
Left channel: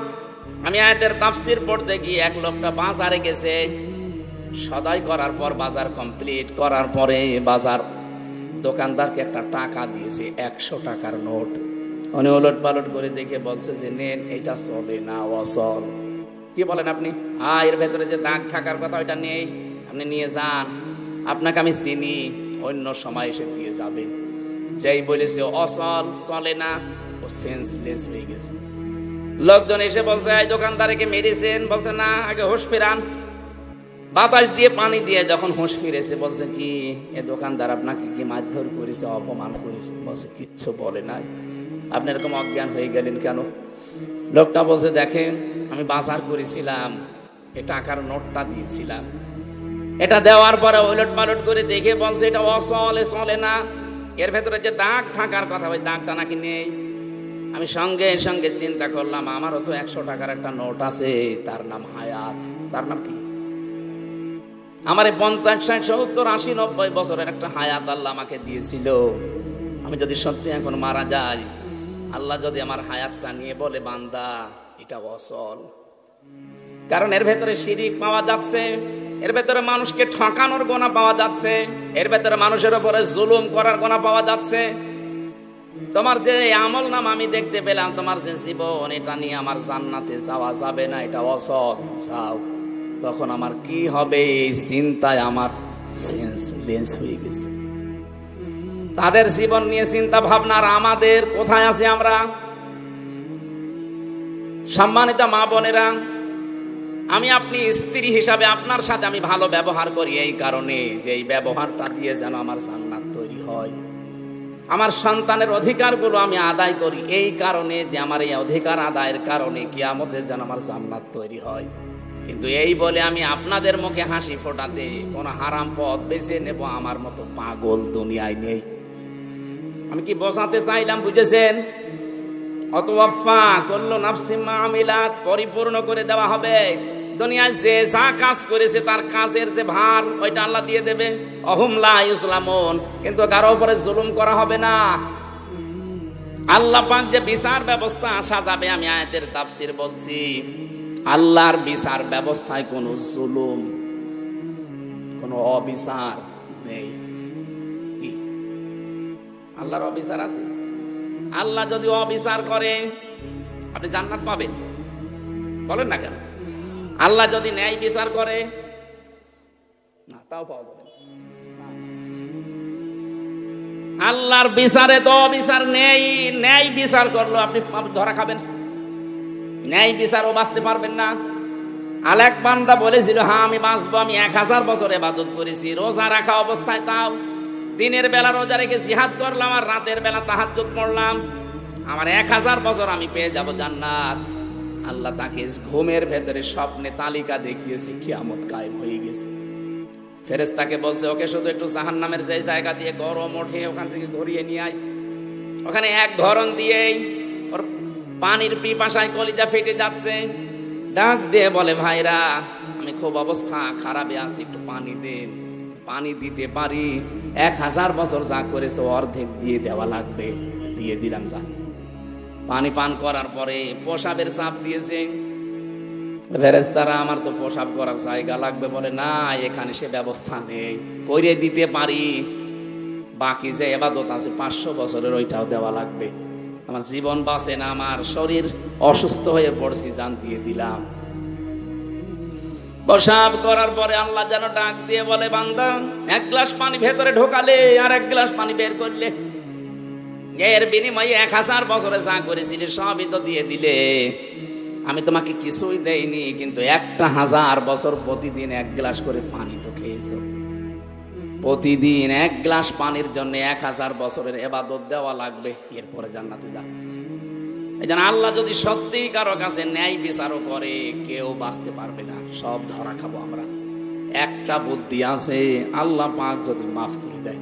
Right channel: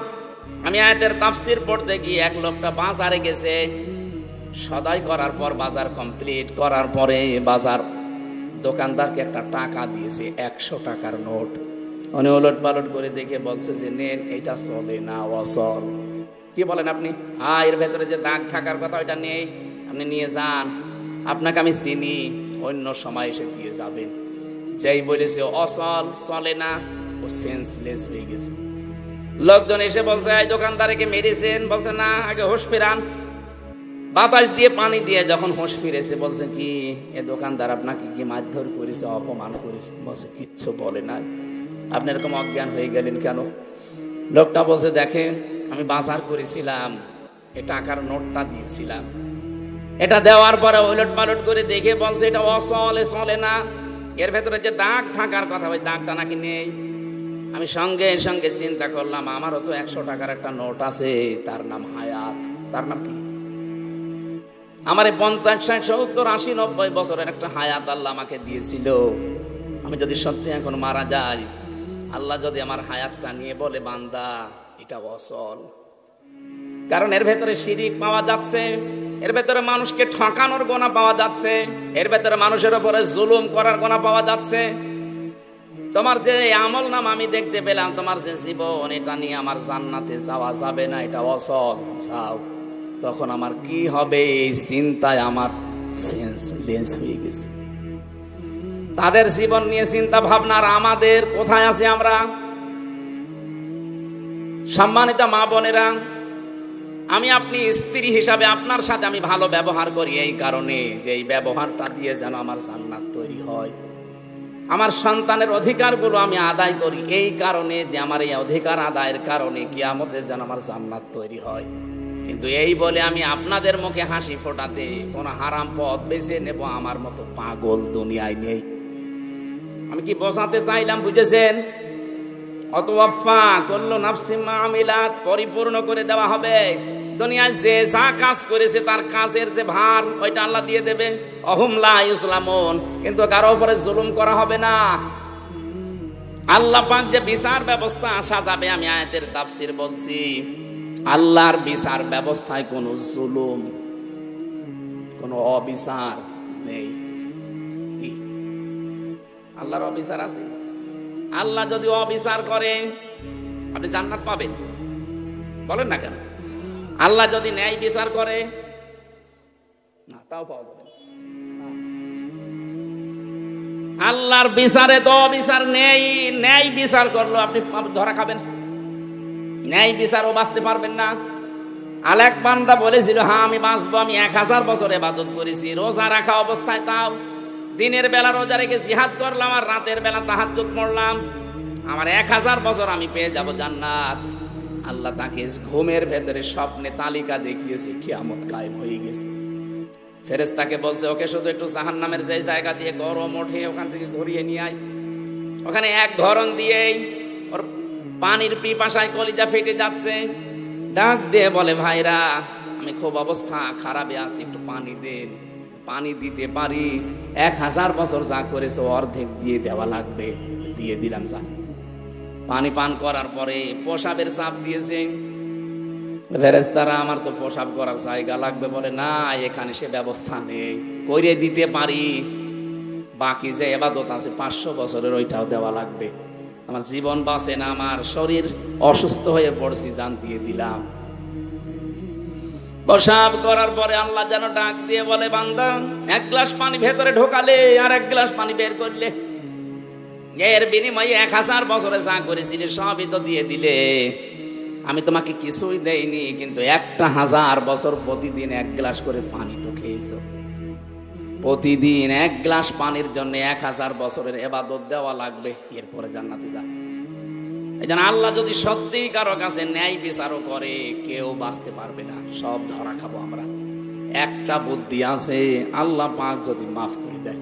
আমি আয়াতের তাফসীর পড়তে গিয়ে এক লোকটা বাজারে গেছে, সদাই করার পর বাজার কমপ্লিট করার পরে বাজার দোকানদারকে একটা টাকা দিয়েছে, 100 টাকার নোট। উনি ওলট পালট করে দেখে বলছে যে নেন, এটা চলে না, অচল। কি বলেন আপনি? এর ভেতরে যে দাগ থাকার কথা ওইটা নেই, আপনি নিয়ে যান, আপনাকে আমি চিনি, অন্য সময় এসে দিয়ে যাবেন। যেই বলেছে অচল, চলে না, ও সেন্সলেস হয়ে গেছে। লোকজন এসে বলছে এই দোকানদারকে মেরেছেন, বলছে না, আগে হুঁশ ফেরান। বাতাস দিয়ে পানি দিয়ে যখন হুঁশ ফিরেছে, বলছে কি এ দোকানদার আপনাকে কি মারধর করেছে, অপমান করেছে? বলছে কিচ্ছু বলে নাই। আপনি এরকম অজ্ঞান হয়ে গেলেন কেন? লোকটা বলছে দেখেন, আমি বাজার করেছিলাম, এ টাকার নোটটা দিয়েছিলাম, এটা দেওয়ার পরে ওলট পালট করে দেখে বলছে এটা অচল, চলে না, এর ভেতরে যে দাগ থাকার কথা ওই দাগটা নাকি নেই। আমি সঙ্গে সঙ্গে চিন্তা করলাম, আমারও তো 100 টাকার একটা নোট আছে, তার নাম হায়াত। তার নাম কি? আমার 50, 60, 70, 80, 90 বছরের একটা হায়াত আল্লাহ আমাকে দিয়েছিল। আমি যদি সত্যি এখন মারা যাই, আল্লাহ যদি আমার হায়াতটা নিয়ে বলে বান্দা এটা অচল, কারণ এর ভেতরে শিরিক পাওয়া যাচ্ছে, এর ভেতরে মানুষকে ঠকানোর গোনা পাওয়া যাচ্ছে, এর ভেতরে মানুষের উপরে জুলুম করার গোনা পাওয়া যাচ্ছে। তোমার যে আমল নাম আমি দেখতে পেলাম, তোমার যে জীবন, এটা নিয়ে আমার জান্নাতে যাওয়া যাবে না, এটা অচল, তখন আমার কি হবে? এই চিন্তায় আমার সেন্সলেস হয়ে গেছে। তাদের জীবন নিয়ে চিন্তা ভাবনা, আর আমাদের কোথায় আছে আমরা? সম্মানিত মা বোনেরা, আমি আপনি স্ত্রী হিসাবে আপনার সাথে আমি ভালো ব্যবহার করি এই কারণে যে এই ব্যবহারটা দিয়ে যেন আমার জান্নাত তৈরি হয়। আমার সন্তানের অধিকারগুলো আমি আদায় করি এই কারণে যে আমার এই অধিকার আদায়ের কারণে কিয়ামতে যেন আমার জান্নাত তৈরি হয়। কিন্তু এই বলে আমি আপনাদের মুখে হাসি ফোটাতে কোন হারাম পথ বেছে নেব আমার মতো পাগল দুনিয়ায় নেই। আমি কি বোঝাতে চাইলাম বুঝেছেন? অতওয়াফা কুল্লু নাফসিন মা আমিলাত, পরিপূর্ণ করে দেওয়া হবে। দুনিয়ায় যে যা কাজ করেছে তার কাজের যে ভার ওইটা আল্লাহ দিয়ে দেবেন। অহুম লা ইসলামুন, কিন্তু কারো উপরে জুলুম করা হবে না। আল্লাহ পাক যে বিচার ব্যবস্থা আসা যাবে, আমি আয়াতের তাফসীর বলছি, আল্লাহর বিচার ব্যবস্থায় কোনো জুলুম, কোনো অবিচার নেই। আল্লাহর অবিচার আছে? আল্লাহ যদি অবিচার করে আপনি জান্নাত পাবেন? বলেন না কেন? আল্লাহ যদি ন্যায় বিচার করে না, তাও পাওয়া যাবে না। আল্লাহর বিচারে তো অবিচার নেই। ন্যায় বিচার করলো আপনি ধরা খাবেন, ন্যায় বিচারও বাঁচতে পারবেন না। আলেক বান্দা বলেছিল, হ্যাঁ আমি বাঁচবো, আমি 1000 বছর ইবাদত করেছি, রোজা রাখা অবস্থায়, তাও দিনের বেলা রোজা রেখে জিহাদ করলাম আর রাতের বেলা তাহাজ্জুদ পড়লাম, আমার 1000 বছর আমি পেয়ে যাব জান্নাত। আল্লাহ তাকে ঘুমের ভেতরে স্বপ্নে তালিকা দেখিয়েছে, কিয়ামত কায়েম হয়ে গেছে। ফেরেশতাকে বলছে, ওকে শুধু একটু জাহান্নামের যে জায়গা দিয়ে গরম ওঠে ওখান থেকে ঘুরিয়ে নিয়ে আয়। ওখানে এক ধরন দিয়েই ওর পানির পিপাসায় কলিজা ফেটে যাচ্ছে। ডাক দিয়ে বলে, ভাইরা আমি খুব অবস্থা খারাপে আছি, একটু পানি দেন। পানি দিতে পারি, 1000 বছর যা করেছে অর্ধেক দিয়ে দেওয়া লাগবে। দিয়ে দিলাম। যা পানি পান করার পরে প্রসাবের চাপ দিয়েছে। ফেরেশতারা, আমার তো প্রসাব করার জায়গা লাগবে। বলে, না এখানে সে ব্যবস্থা নেই, করে দিতে পারি, বাকি যে ইবাদত আছে 500 বছরের ওইটাও দেওয়া লাগবে। আমার জীবন বাঁচে না, আমার শরীর অসুস্থ হয়ে পড়েছি, জান দিয়ে দিলাম। প্রসাব করার পরে আল্লাহ যেন ডাক দিয়ে বলে, বান্দা 1 গ্লাস পানি ভেতরে ঢোকালে আর 1 গ্লাস পানি বের করলে, এর বিনিময়ে 1000 বছরে যা করেছিলি সবই তো দিয়ে দিলে। আমি তোমাকে কিছুই দেইনি, কিন্তু 1000 বছর প্রতিদিন 1 গ্লাস করে পানি তো খেয়েছো। প্রতিদিন 1 গ্লাস পানির জন্য 1000 বছরের ইবাদত দেওয়া লাগবে, এরপরে জান্নাতে যাবে। এজন্য আল্লাহ যদি সত্যি কারো কাছে ন্যায় বিচারও করে, কেউ বাঁচতে পারবে না, সব ধরা খাবো আমরা। একটা বুদ্ধি আছে, আল্লাহ পাক যদি মাফ করে দেয়।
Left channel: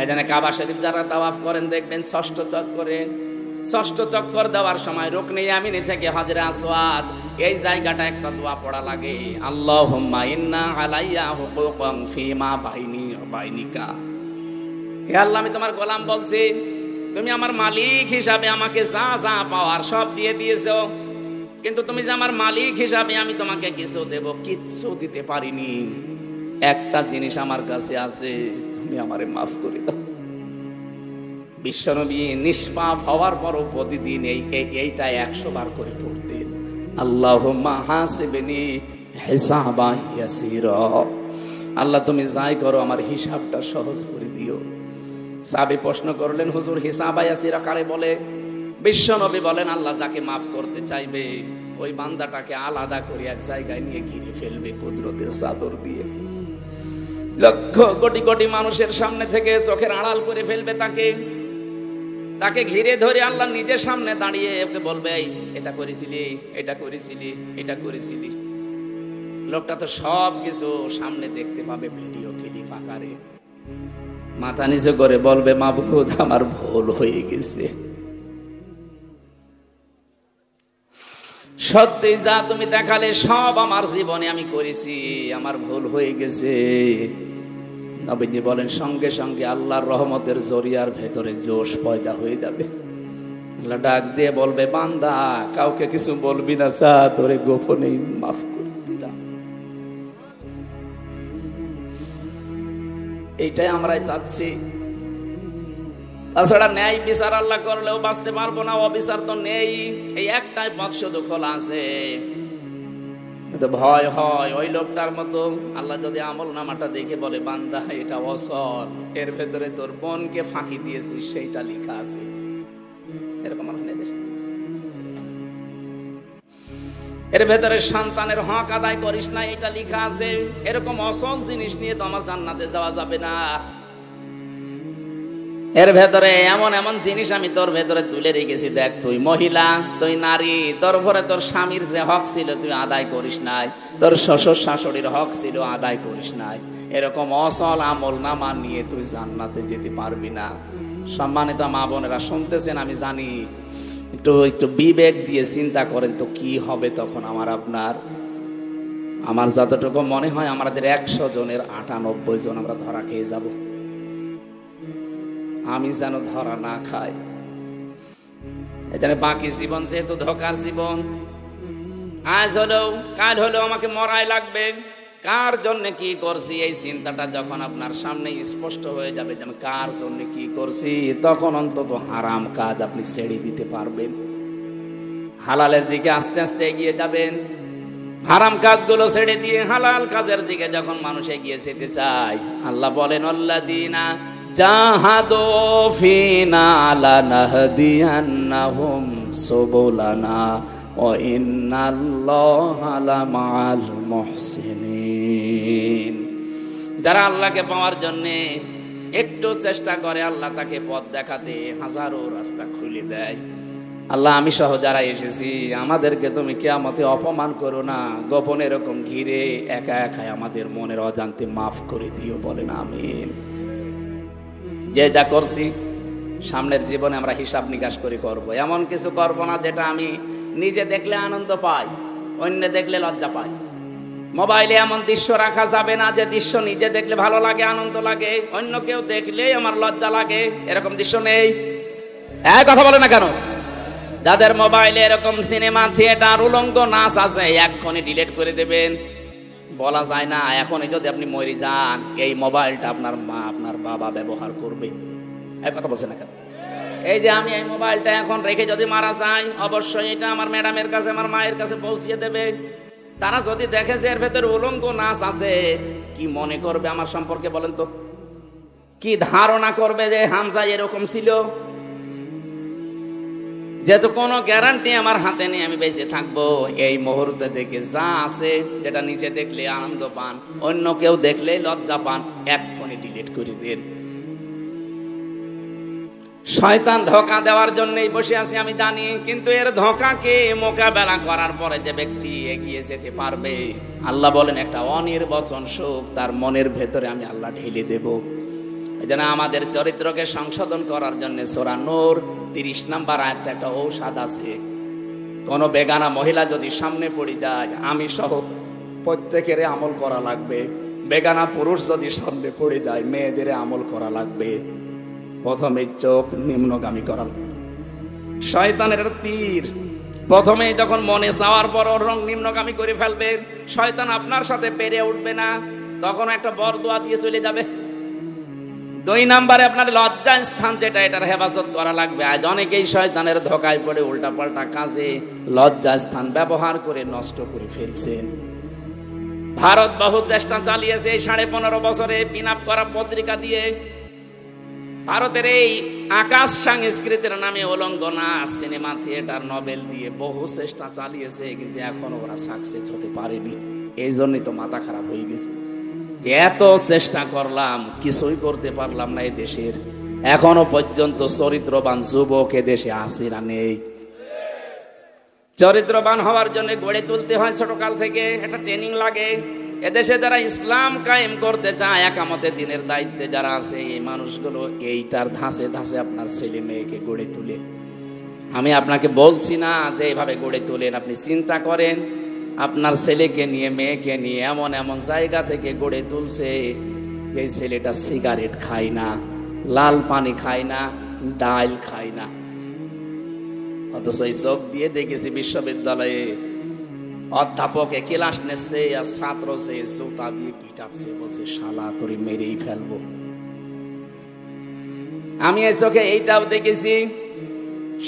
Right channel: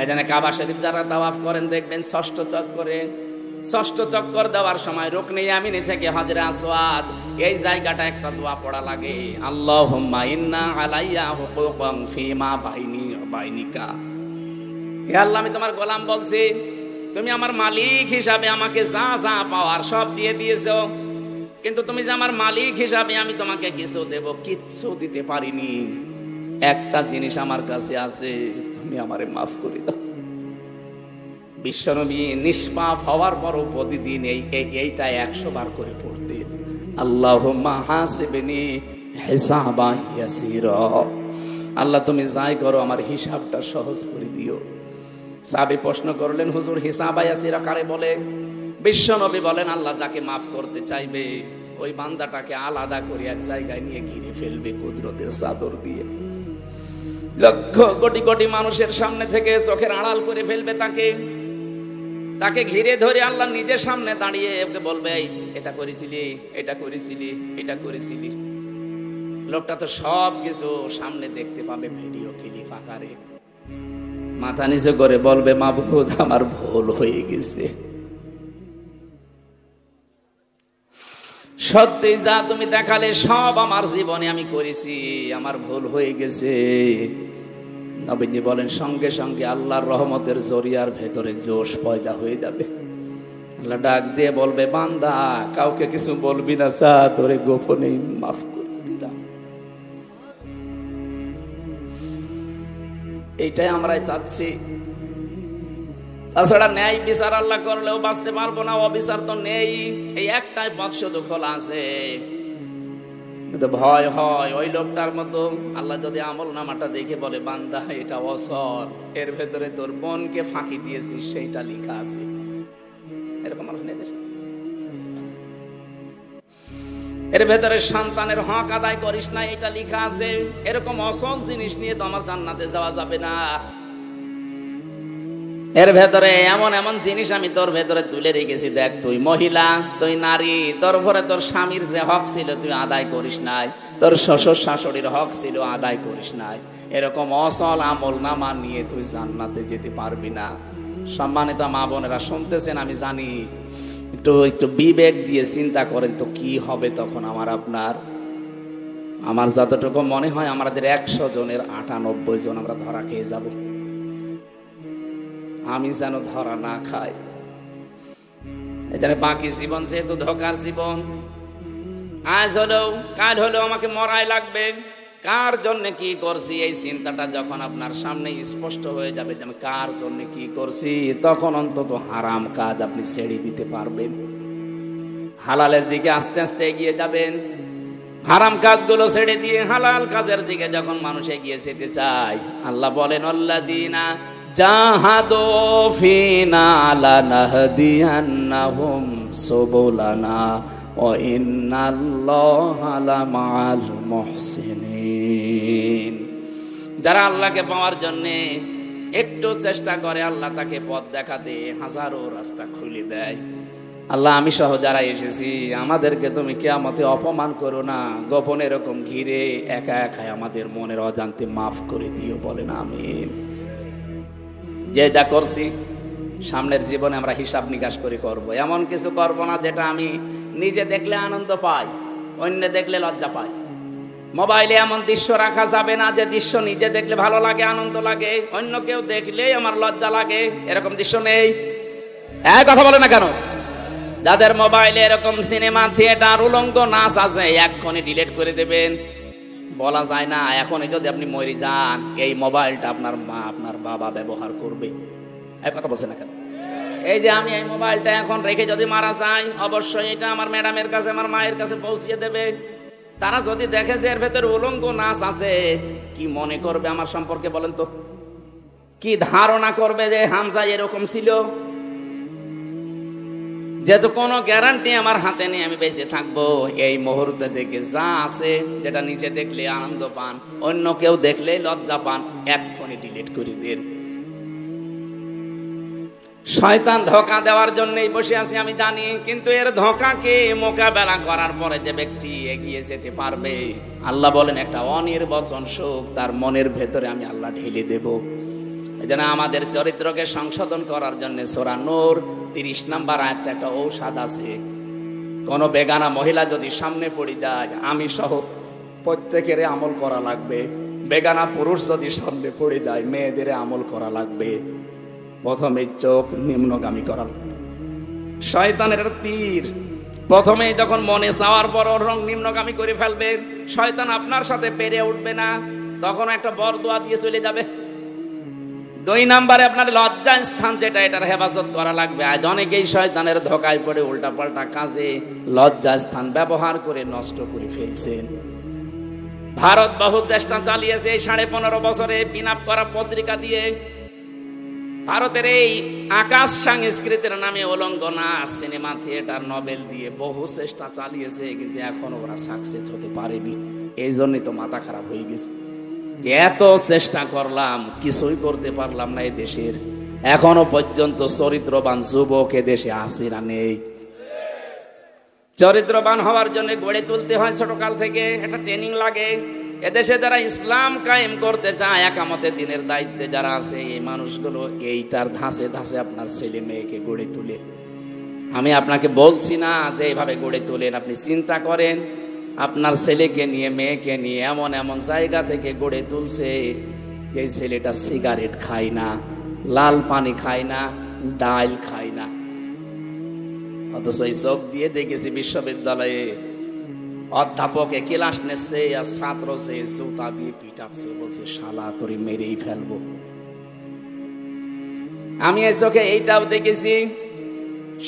এজন্য কাবা শরীফ যারা তাওয়াফ করেন দেখবেন 6ষ্ঠ চক্করে, 6ষ্ঠ চক্কর দেওয়ার সময় রুকনে ইয়ামিনী থেকে হজরে আসওয়াদ এই জায়গাটা একটা দোয়া পড়া লাগে, আল্লাহুম্মা ইন্না আলাইয়া হুকুকাম ফিমা বাইনি ওয়া বাইনিকা। হে আল্লাহ, আমি তোমার গোলাম বলছি, তুমি আমার মালিক হিসাবে আমাকে যা যা পাওয়ার সব দিয়ে দিয়েছো, কিন্তু তুমি যে আমার মালিক হিসাবে আমি তোমাকে কিছু দেব, কিচ্ছু দিতে পারিনি। একটা জিনিস আমার কাছে আছে, তুমি আমারে মাফ করে দাও। বিশ্বনবী নিষ্পাপ হওয়ার পরও প্রতিদিন এইটা 100 বার করে পড়তেন, আল্লাহুম্মা হাসিবনি হিসাবান ইয়াসীরা। আল্লাহ তুমি যাই করো আমার হিসাবটা সহজ করে দিও। সাহাবী প্রশ্ন করলেন, হুজুর হিসাবা ইয়াসীরা কারে বলে? বিশ্বনবী বলেন, আল্লাহ যাকে মাফ করতে চাইবে ওই বান্দাটাকে আলাদা করে এক জায়গায় নিয়ে ঘিরে ফেলবে কুদরতের চাদর দিয়ে। লক্ষ কোটি কোটি মানুষের সামনে থেকে চোখের আড়াল করে ফেলবে তাকে ঘিরে ধরে আল্লাহ নিজের সামনে দাঁড়িয়ে ওকে বলবে, এটা করেছিলি, এটা করেছিলি, এটা করেছিলি। লোকটা তো সব কিছু সামনে দেখতে পাবে ভিডিও ক্লিপ আকারে। মাথা নিচে করে বলবে, মাবুদ আমার ভুল হয়ে গেছে। সত্যি যা তুমি দেখালে সব আমার জীবনে আমি করেছি, আমার ভুল হয়ে গেছে। নবীজি বলেন, সঙ্গে সঙ্গে আল্লাহর রহমতের জরিয়ার ভেতরে জোশ পয়দা হয়ে যাবে। আল্লাহ ডাক দিয়ে বলবে, বান্দা কাউকে কিছু বলবি না, চা তোরে গোপনে মাফ করে দিলাম। এইটাই আমরা চাচ্ছি। তাছাড়া ন্যায় বিচার আল্লাহ করলেও বাঁচতে পারবো না, অবিচার তো নেই। এই একটাই পথ শুধু খোলা আছে, তো ভয় হয় ওই লোকটার মতো। আল্লাহ যদি আমল নামাটা দেখে বলে বান্দা এটা অসল, এর ভেতরে তোর বোনকে ফাঁকি দিয়েছিস সেইটা লেখা আছে, এরকম এর ভেতরে সন্তানের হক আদায় করিস না এটা লেখা আছে, এরকম অসল জিনিস নিয়ে তো আমার জান্নাতে যাওয়া যাবে না। এর ভেতরে এমন এমন জিনিস আমি তোর ভেতরে তুলে রেখেছি, দেখ তুই মহিলা, তুই নারী, তোর উপরে তোর স্বামীর যে হক ছিল তুই আদায় করিস নাই, তোর শ্বশুর শাশুড়ির হক ছিল আদায় করিস নাই, এরকম অসল আমল নামা নিয়ে তুই জান্নাতে যেতে পারবি না। সম্মানিত মা বোনেরা শুনতেছেন, আমি জানি একটু বিবেক দিয়ে চিন্তা করেন তো কি হবে তখন আমার যতটুকু মনে হয় আমাদের 100 জনের 98 জন আমরা ধরা খেয়ে যাব। আমি যেন ধরা না খাই, এখানে বাকি জীবন যেহেতু ধোকার জীবন, আজ হলেও কাল হলেও আমাকে মরাই লাগবে। কার জন্য কি করছি এই চিন্তাটা যখন আপনার সামনে স্পষ্ট হয়ে যাবে যেন কার জন্য কি করছি, তখন অন্তত হারাম কাজ আপনি ছেড়ে দিতে পারবেন, হালালের দিকে আস্তে আস্তে এগিয়ে যাবেন। হারাম কাজগুলো ছেড়ে দিয়ে হালাল কাজের দিকে যখন মানুষ এগিয়ে যেতে চায়, আল্লাহ বলেন আল্লাযীনা জাহাদু ফিনা লানাহদিয়ান্নাহুম সুবুলানা ওয়া ইন্নাল্লাহা লামাআল মুহসিনিন। যারা আল্লাহকে পাওয়ার জন্য একটু চেষ্টা করে, আল্লাহ তাকে পথ দেখাতে হাজারো রাস্তা খুলে দেয়। আল্লাহ আমি সহ যারা এসেছি আমাদেরকে তুমি কিয়ামতে অপমান করো না, গোপনে এরকম ঘিরে একা একা আমাদের মনের অজান্তে মাফ করে দিয়ে বলেন আমিন। যেটা করছি সামনের জীবনে আমরা হিসাব নিকাশ করে করবো, এমন কিছু করবো না যেটা আমি নিজে দেখলে আনন্দ পাই, অন্য দেখলে লজ্জা পাই। মোবাইলে এমন দৃশ্য রাখা যাবে না যে দৃশ্য নিজে দেখলে ভালো লাগে, আনন্দ লাগে, অন্য কেউ দেখলেই আমার লজ্জা লাগে, এরকম দৃশ্য নেই। এক কথা বলে না কেন? যাদের মোবাইলে এরকম সিনেমা, থিয়েটার, উলঙ্গ নাচ আছে এক্ষুনি ডিলিট করে দেবেন। বলা যায় না এখনই যদি আপনি মরে যান এই মোবাইলটা আপনার মা আপনার বাবা ব্যবহার করবে, এক কথা বলছে না কেন? এই যে আমি এই মোবাইলটা এখন রেখে যদি মারা যাই, অবশ্যই এটা আমার ম্যাডামের কাছে আমার মায়ের কাছে পৌঁছিয়ে দেবে। তারা যদি দেখে যে এর ভেতরে উলঙ্গ নাচ আছে, কি মনে করবে আমার সম্পর্কে বলেন তো? কি ধারণা করবে যে হামজা এরকম ছিল? যেহেতু কোনো গ্যারান্টি আমার হাতে নেই আমি বেঁচে থাকবো, এই মুহূর্তে থেকে যা আছে যেটা নিচে দেখলে আনন্দ পান, অন্য কেউ দেখলে লজ্জা পান, এক্ষুনি ডিলিট করে দেন। শয়তান ধোঁকা দেওয়ার জন্যই বসে আছি আমি জানি, কিন্তু এর ধোঁকাকে মোকাবেলা করার পরে যে ব্যক্তি এগিয়ে যেতে পারবে, আল্লাহ বলেন একটা অনির্বচন সুখ তার মনের ভেতরে আমি আল্লাহ ঢেলে দেব। এজন্য আমাদের চরিত্রকে সংশোধন করার জন্য সূরা নূর 30 নম্বর আয়াতে একটা ঔষধ আছে। কোন বেগানা মহিলা যদি সামনে পড়ে যায়, আমি সহ প্রত্যেকের আমল করা লাগবে। বেগানা পুরুষ যদি সামনে পড়ে যায়, মেয়েদের আমল করা লাগবে। প্রথমে চোখ নিম্নগামী করা, শয়তানের তীর প্রথমে যখন মনে চাওয়ার পর ওর রং নিম্নগামী করে ফেলবে, শয়তান আপনার সাথে পেরে উঠবে না, তখন একটা বরদোয়া দিয়ে চলে যাবে। 2 নম্বরে আপনার লজ্জা স্থান যেটা, এটার হেফাজত করা লাগবে। আজ অনেকেই শয়তানের ধোঁকায় পড়ে উল্টা পাল্টা কাজে লজ্জা স্থান ব্যবহার করে নষ্ট করে ফেলছে। ভারত বহু চেষ্টা চালিয়েছে এই 15.5 বছরে পিন আপ করা পত্রিকা দিয়ে। ভারতের এই আকাশ সংস্কৃতির নামে উলঙ্গ নাচ, সিনেমা, থিয়েটার, নভেল দিয়ে বহু চেষ্টা চালিয়েছে, কিন্তু এখনো ওরা সাকসেস হতে পারেনি। এই জন্যই তো মাথা খারাপ হয়ে গেছে। এত চেষ্টা করলাম কিছুই করতে পারলাম না। এই দেশের এখনো পর্যন্ত চরিত্রবান যুবক এ দেশে আছে না নেই? চরিত্রবান হওয়ার জন্য গড়ে তুলতে হয় ছোটকাল থেকে, একটা ট্রেনিং লাগে। এদেশে যারা ইসলাম কায়েম করতে চায়, একামতের দিনের দায়িত্বে যারা আছে, এই মানুষগুলো এইটার ধাঁচে ধাঁচে আপনার ছেলে মেয়েকে গড়ে তুলে। আমি আপনাকে বলছি না যে এইভাবে গড়ে তোলেন, আপনি চিন্তা করেন আপনার ছেলেকে নিয়ে মেয়েকে নিয়ে এমন এমন জায়গা থেকে গড়ে তুলছে যে ছেলেটা সিগারেট খায় না, লাল পানি খায় না, ডাল খায় না, অথচ এই চোখ দিয়ে দেখেছি বিশ্ববিদ্যালয়ে অধ্যাপকে ক্লাস নিচ্ছে, ছাত্র সে জুতা দিয়ে পিটাচ্ছে, বলছে শালা করে মেরেই ফেলবো। আমি এই চোখে এইটাও দেখেছি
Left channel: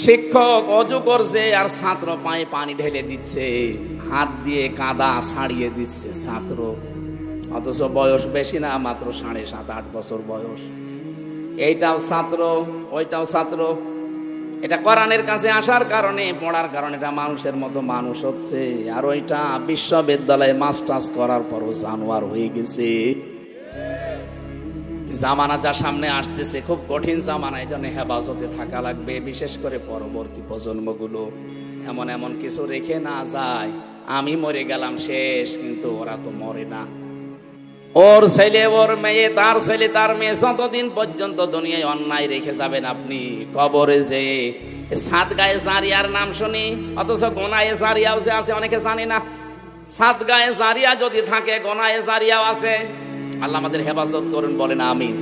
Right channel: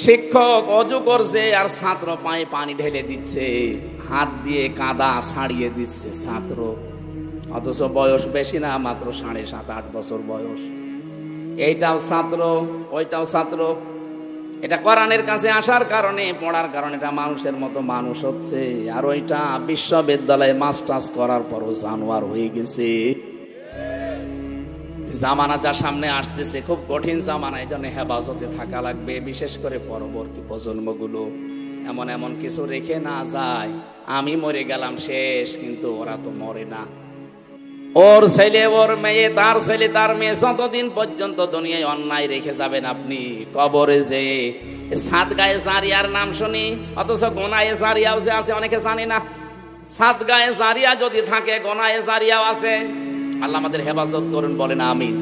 শিক্ষক অজু করছে আর ছাত্র পায়ে পানি ঢেলে দিচ্ছে, হাত দিয়ে কাদা ছাড়িয়ে দিচ্ছে। অথচ বয়স বেশি না, মাত্র 7.5-8 বছর বয়স। এইটাও ছাত্র, ওইটাও ছাত্র। এটা কোরআনের কাছে আসার কারণে, পড়ার কারণে এটা মানুষের মতো মানুষ হচ্ছে। আর ওইটা বিশ্ববিদ্যালয়ে মাস্টার্স করার পরও জানোয়ার হয়ে গেছে। জামানা যা সামনে আসতেছে খুব কঠিন জামানা, এটা নিয়ে হেফাজতে থাকা লাগবে। বিশেষ করে পরবর্তী প্রজন্মগুলো এমন এমন কিছু রেখে না যায়, আমি মরে গেলাম শেষ, কিন্তু ওরা তো মরে না। ওর ছেলে, ওর মেয়ে, তার ছেলে, তার মেয়ে, যতদিন পর্যন্ত দুনিয়ায় অন্যায় রেখে যাবেন আপনি, কবরে যে সাদগায়ে জারিয়ার নাম শুনি, অথচ গোনায়ে জারিয়াও যে আছে অনেকে জানে না। সাদগায়ে জারিয়া যদি থাকে, গোনায়ে জারিয়াও আছে। আল্লাহ আমাদের হেফাজত করুন, বলেন আমিন।